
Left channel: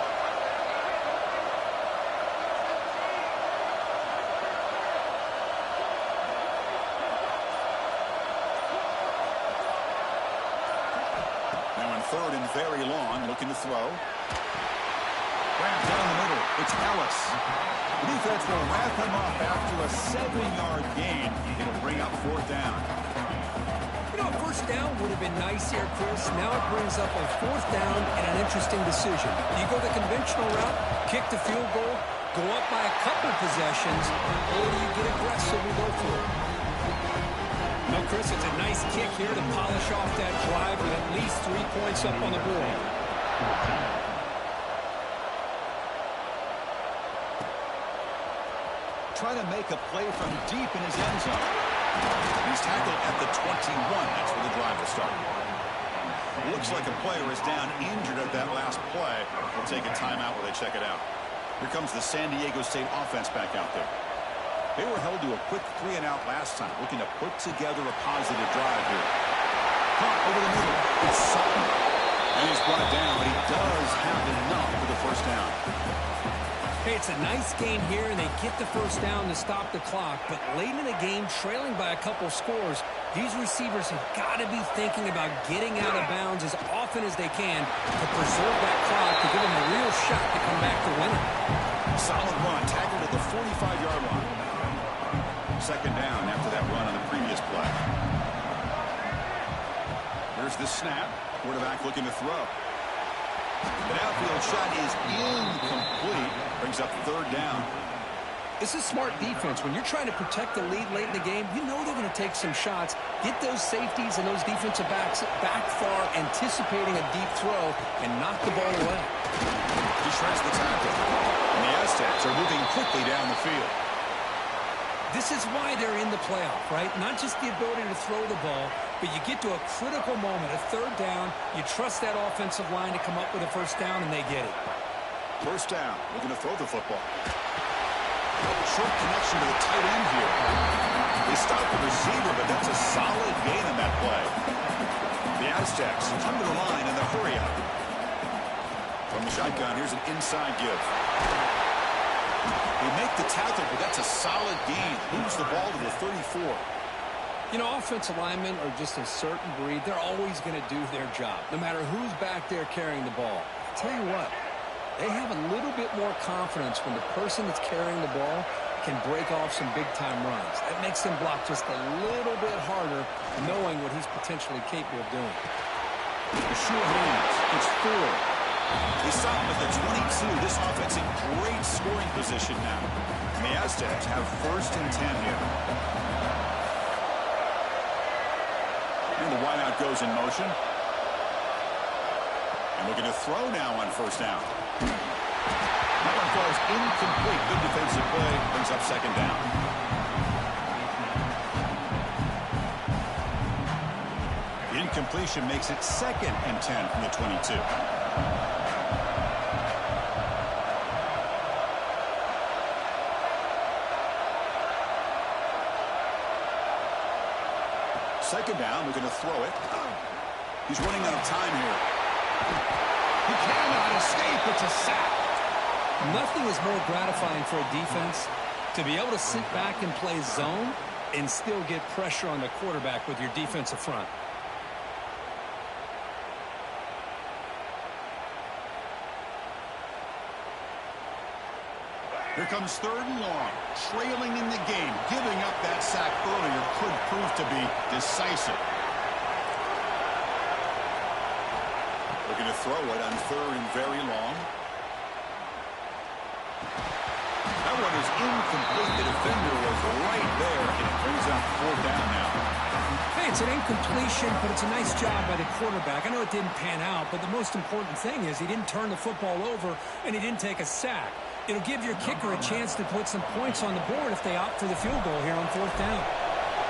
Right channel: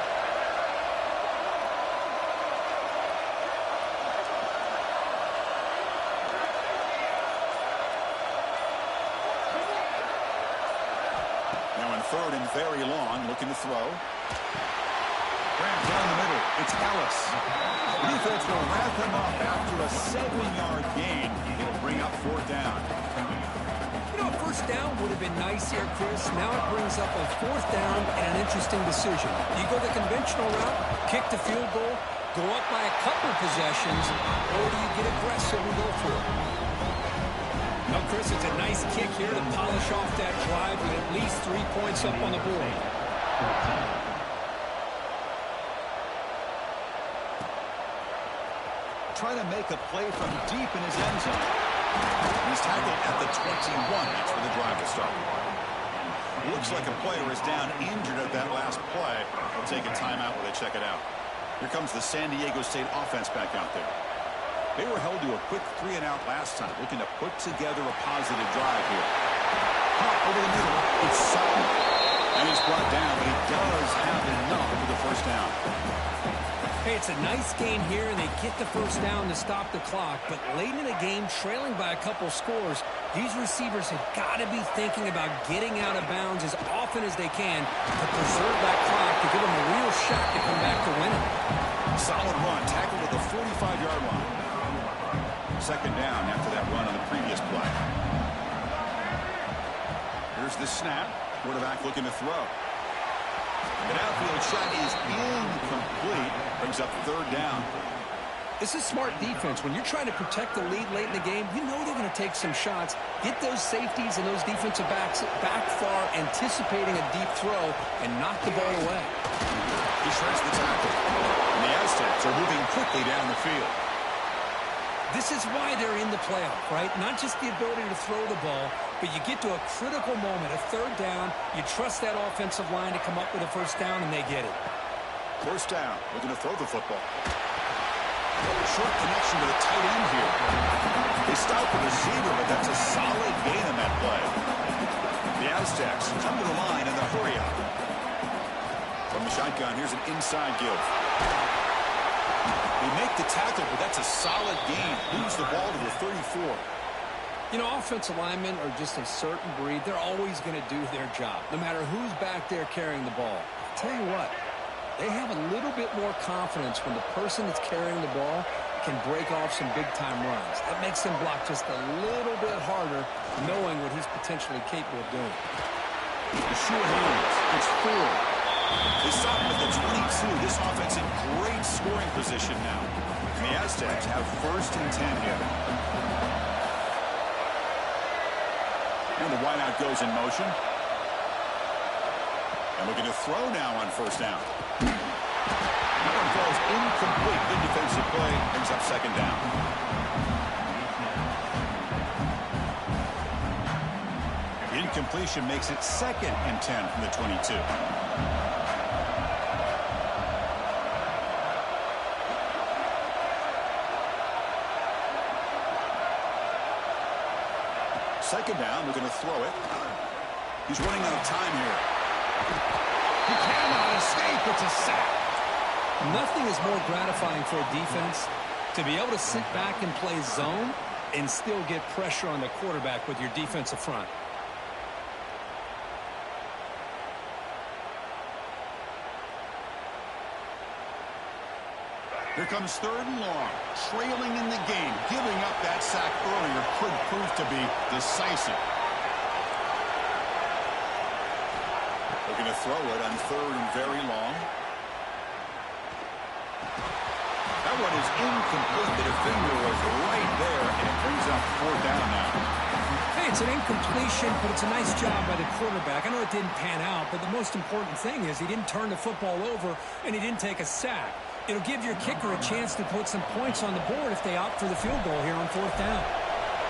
Now in third and very long, looking to throw. Ramp down the middle. It's Ellis. The defense will wrap him up after a 7-yard gain. It'll bring up fourth down. You know, a first down would have been nice here, Chris. Now it brings up a fourth down and an interesting decision. Do you go the conventional route, kick the field goal, go up by a couple possessions, or do you get aggressive and go for it? No, Chris, it's a nice kick here to polish off that drive with at least 3 points up on the board. Try to make a play from deep in his end zone. He's tackled at the 21. That's where the drive will start. Looks like a player is down injured at that last play. They'll take a timeout while they check it out. Here comes the San Diego State offense back out there. They were held to a quick 3-and-out last time, looking to put together a positive drive here. Pump over the middle. It's Sutton. And he's brought down, but he does have enough for the first down. Hey, it's a nice gain here, and they get the first down to stop the clock. But late in the game, trailing by a couple scores, these receivers have got to be thinking about getting out of bounds as often as they can to preserve that clock to give them a real shot to come back to win it. Solid run, tackled at the 45-yard line. Second down after that run on the previous play. Here's the snap. Quarterback looking to throw. The downfield shot is incomplete. Brings up third down. This is smart defense. When you're trying to protect the lead late in the game, you know they're going to take some shots. Get those safeties and those defensive backs back far, anticipating a deep throw, and knock the ball away. He shreds the tackle. And the Aztecs are moving quickly down the field. This is why they're in the playoff, right? Not just the ability to throw the ball, but you get to a critical moment, a third down. You trust that offensive line to come up with a first down, and they get it. First down, looking to throw the football. Short connection to the tight end here. They stop the receiver, but that's a solid gain on that play. The Aztecs come to the line in the hurry-up. From the shotgun, here's an inside give. They make the tackle, but that's a solid gain. Moves the ball to the 34. You know, offensive linemen are just a certain breed. They're always going to do their job, no matter who's back there carrying the ball. I'll tell you what, they have a little bit more confidence when the person that's carrying the ball can break off some big-time runs. That makes them block just a little bit harder, knowing what he's potentially capable of doing. The sure hands. It's 4. They stop him at the 22. This offense in great scoring position now. And the Aztecs have first and 10 here. And the wideout goes in motion. And looking to throw now on first down. That one falls incomplete. Good defensive play. Brings up second down. The incompletion makes it second and 10 from the 22. second down. We're going to throw it. He's running out of time here. He cannot escape. It's a sack. Nothing is more gratifying for a defense to be able to sit back and play zone and still get pressure on the quarterback with your defensive front. Here comes 3rd and long. Trailing in the game. Giving up that sack earlier could prove to be decisive. We're going to throw it on 3rd and very long. That one is incomplete. The defender was right there, and it brings up 4th down now. Hey, it's an incompletion, but it's a nice job by the quarterback. I know it didn't pan out, but the most important thing is he didn't turn the football over, and he didn't take a sack. It'll give your kicker a chance to put some points on the board if they opt for the field goal here on 4th down.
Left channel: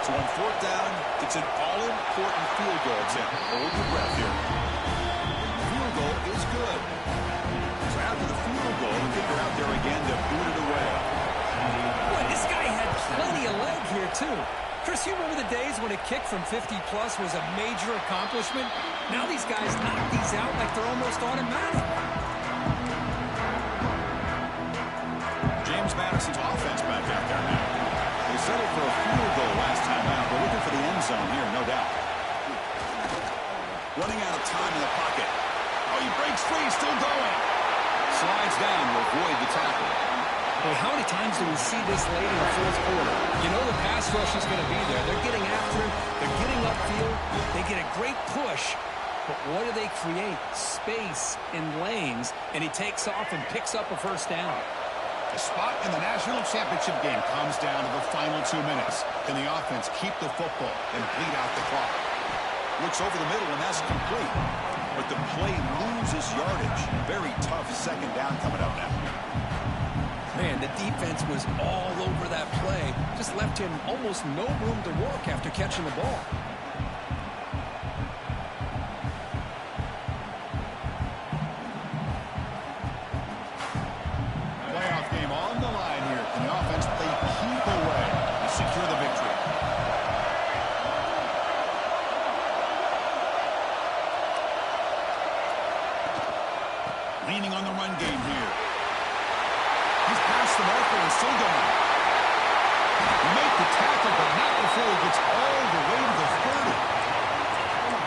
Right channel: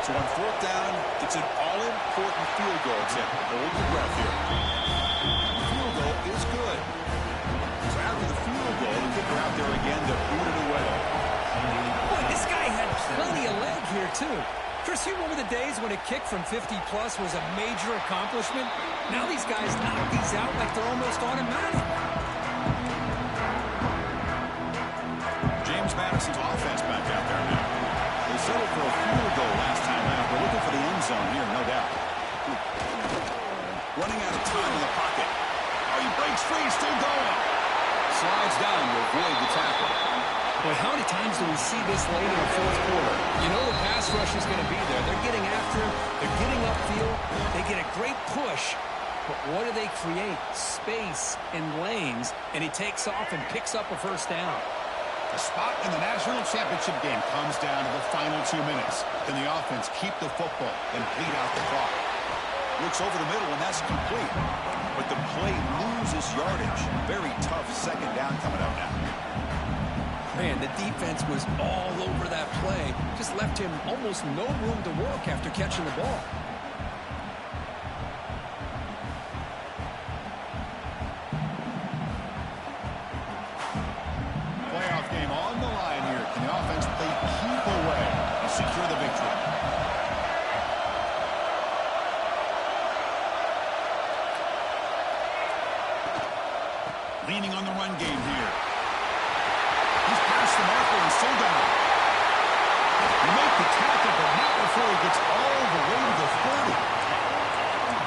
So on 4th down, it's an all-important field goal, Tim. Hold your breath here. The field goal is good. So after the field goal, the kicker out there again to boot it away. Boy, this guy had plenty of leg here, too. Chris, you remember the days when a kick from 50-plus was a major accomplishment? Now these guys knock these out like they're almost automatic. James Madison's offense back out there now. They settled for a field goal last time out. We're looking for the end zone here, no doubt. Running out of time in the pocket. Oh, he breaks free, still going. Slides down to avoid the tackle. Boy, how many times do we see this late in the 4th quarter? You know the pass rush is going to be there. They're getting after him. They're getting upfield. They get a great push. But what do they create? Space in lanes. And he takes off and picks up a 1st down. The spot in the national championship game comes down to the final 2 minutes. Can the offense keep the football and bleed out the clock? Looks over the middle, and that's complete. But the play loses yardage. Very tough 2nd down coming up now. Man, the defense was all over that play. Just left him almost no room to work after catching the ball. Playoff game on the line here. Can the offense play keep away and secure the victory? Leaning on the run game here. He's past the marker and still gone. You make the tackle, but not before he gets all the way to the 30.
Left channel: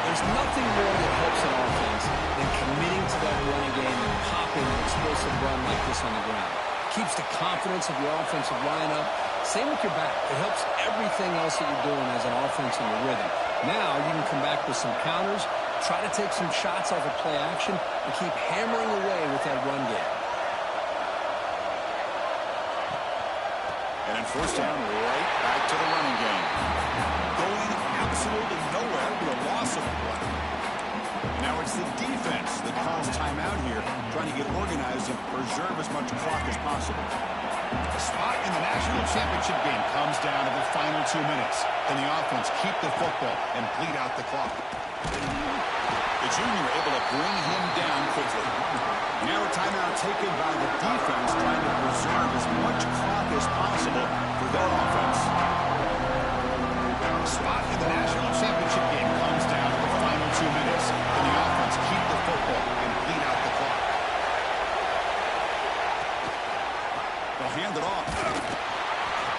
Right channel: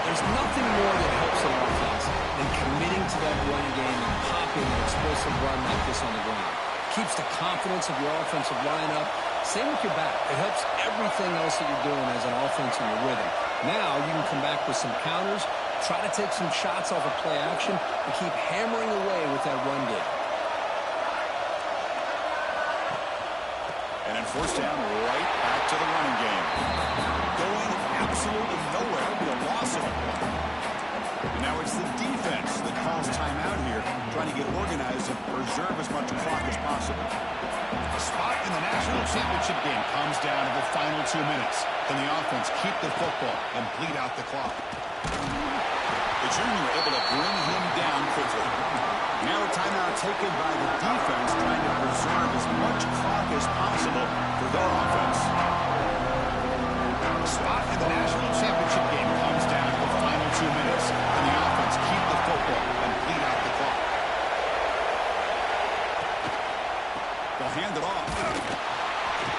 There's nothing more that helps an offense than committing to that running game and popping an explosive run like this on the ground. Keeps the confidence of your offensive lineup. Same with your back. It helps everything else that you're doing as an offense in your rhythm. Now you can come back with some counters, try to take some shots off of play action, and keep hammering away with that run game. And then 4th down, right back to the running game. Going absolutely nowhere with a loss of a play. And now it's the defense that calls timeout here, trying to get organized and preserve as much clock as possible. The spot in the national championship game comes down to the final 2 minutes. Can the offense keep the football and bleed out the clock? The junior able to bring him down quickly. Now a timeout taken by the defense, trying to preserve as much clock as possible for their offense. The spot in the national championship game comes down to the final 2 minutes. Can the offense keep the football and bleed out the clock? They'll hand it off.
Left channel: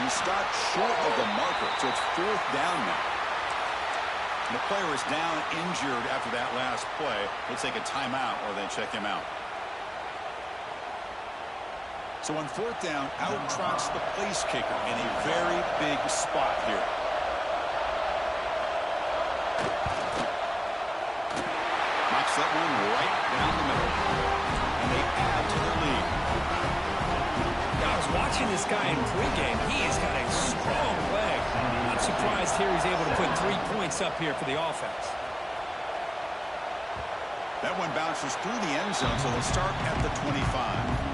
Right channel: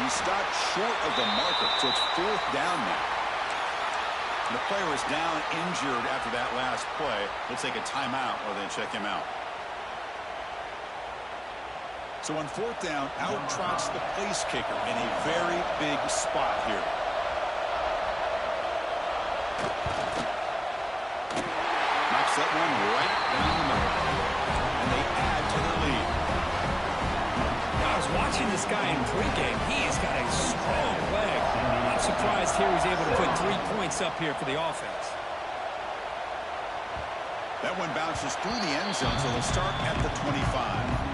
He stopped short of the marker, so it's 4th down now. And the player is down injured after that last play. We'll take a timeout or they check him out. So on 4th down, out trots the place kicker in a very big spot here. Knocks that one right down the middle. And they add to their lead. Yeah, I was watching this guy in pregame. He's got a strong leg. I'm surprised here he's able to put 3 points up here for the offense. That one bounces through the end zone, so they'll start at the 25.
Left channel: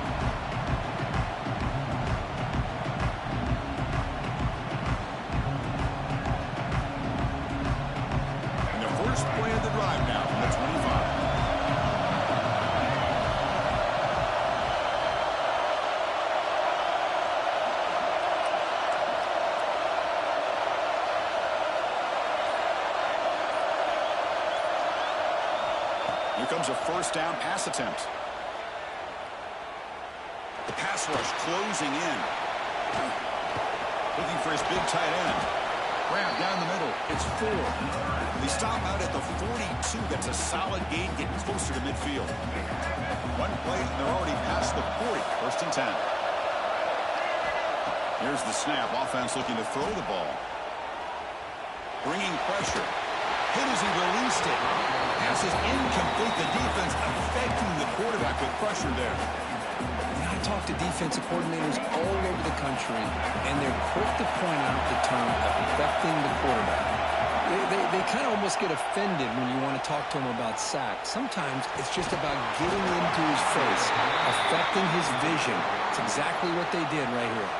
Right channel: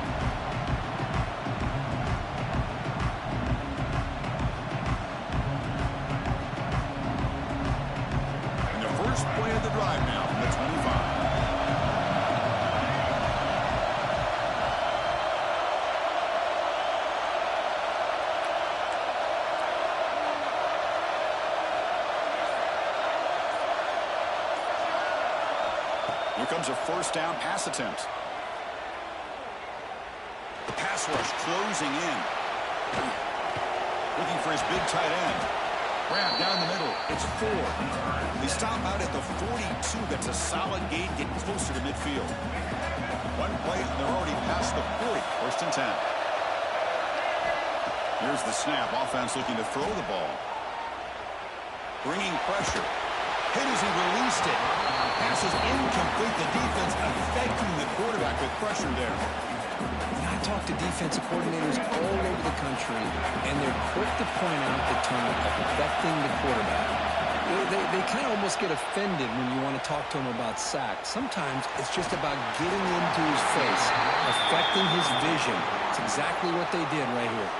First play of the drive now from the 25. Here comes a first down pass attempt. The pass rush closing in. Looking for his big tight end. Grab down the middle. It's 4. They stop out at the 42. That's a solid gain, getting closer to midfield. One play, and they're already past the 40. First and 10. Here's the snap. Offense looking to throw the ball. Bringing pressure. Hit as he released it. Pass is incomplete. The defense affecting the quarterback with pressure there. I talk to defensive coordinators all over the country, and they're quick to point out the term affecting the quarterback. They kind of almost get offended when you want to talk to them about sacks. Sometimes it's just about getting into his face, affecting his vision. It's exactly what they did right here.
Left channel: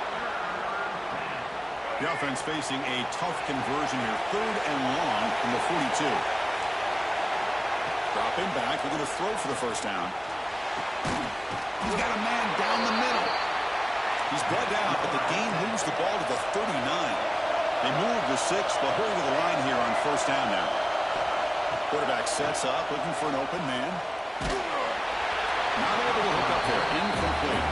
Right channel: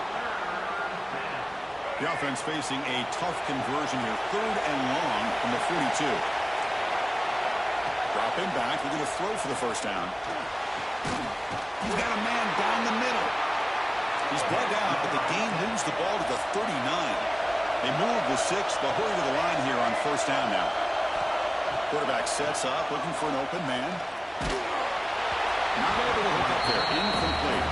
The offense facing a tough conversion here. 3rd and long from the 42. Dropping back. They're going to throw for the first down. He's got a man down the middle. He's brought down, but the game moves the ball to the 39. They move the 6. They'll hurry to the line here on first down now. Quarterback sets up, looking for an open man. Not able to hook up there. Incomplete.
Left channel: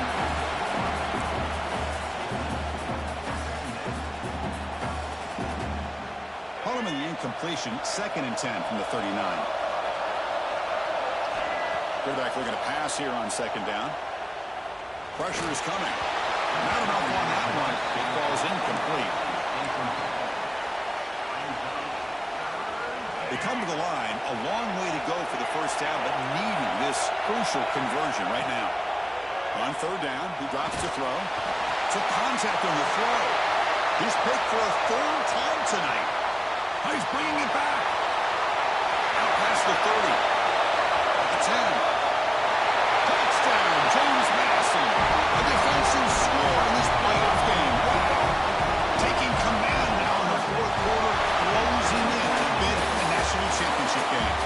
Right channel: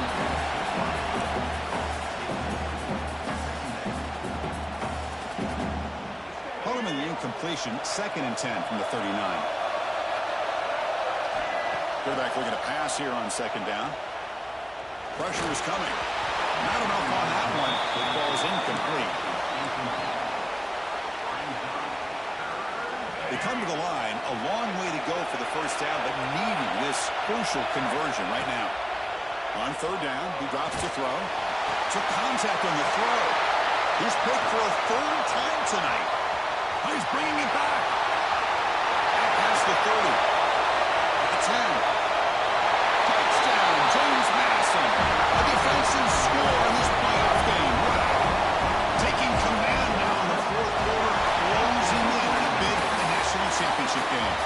Him in the incompletion. 2nd and 10 from the 39. Quarterback looking to pass here on 2nd down. Pressure is coming. Not enough on that one. It falls incomplete. They come to the line. A long way to go for the first down, but needing this crucial conversion right now. On 3rd down, he drops to throw. Took contact on the throw. He's picked for a 3rd time tonight. He's bringing it back. Out past the 30. The 10. Touchdown, James Madison. A defensive score in this playoff game. Wow. Taking command now in the 4th quarter, closing in on a bid for the national championship game.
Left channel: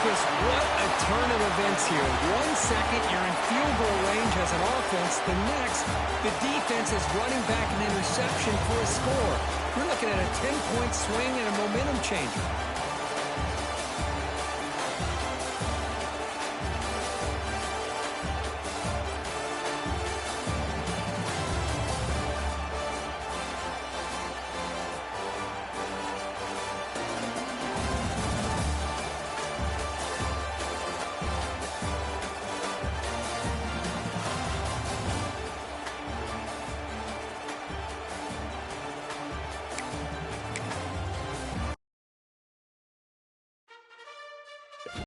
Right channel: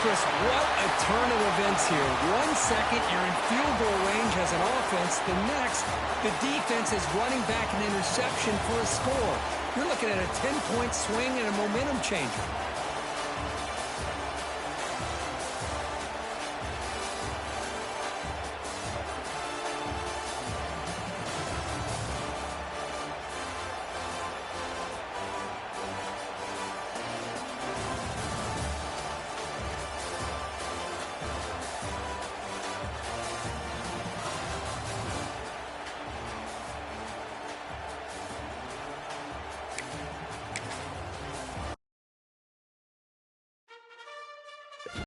Chris, what a turn of events here. 1 second, you're in field goal range as an offense. The next, the defense is running back an interception for a score. You're looking at a 10-point swing and a momentum changer.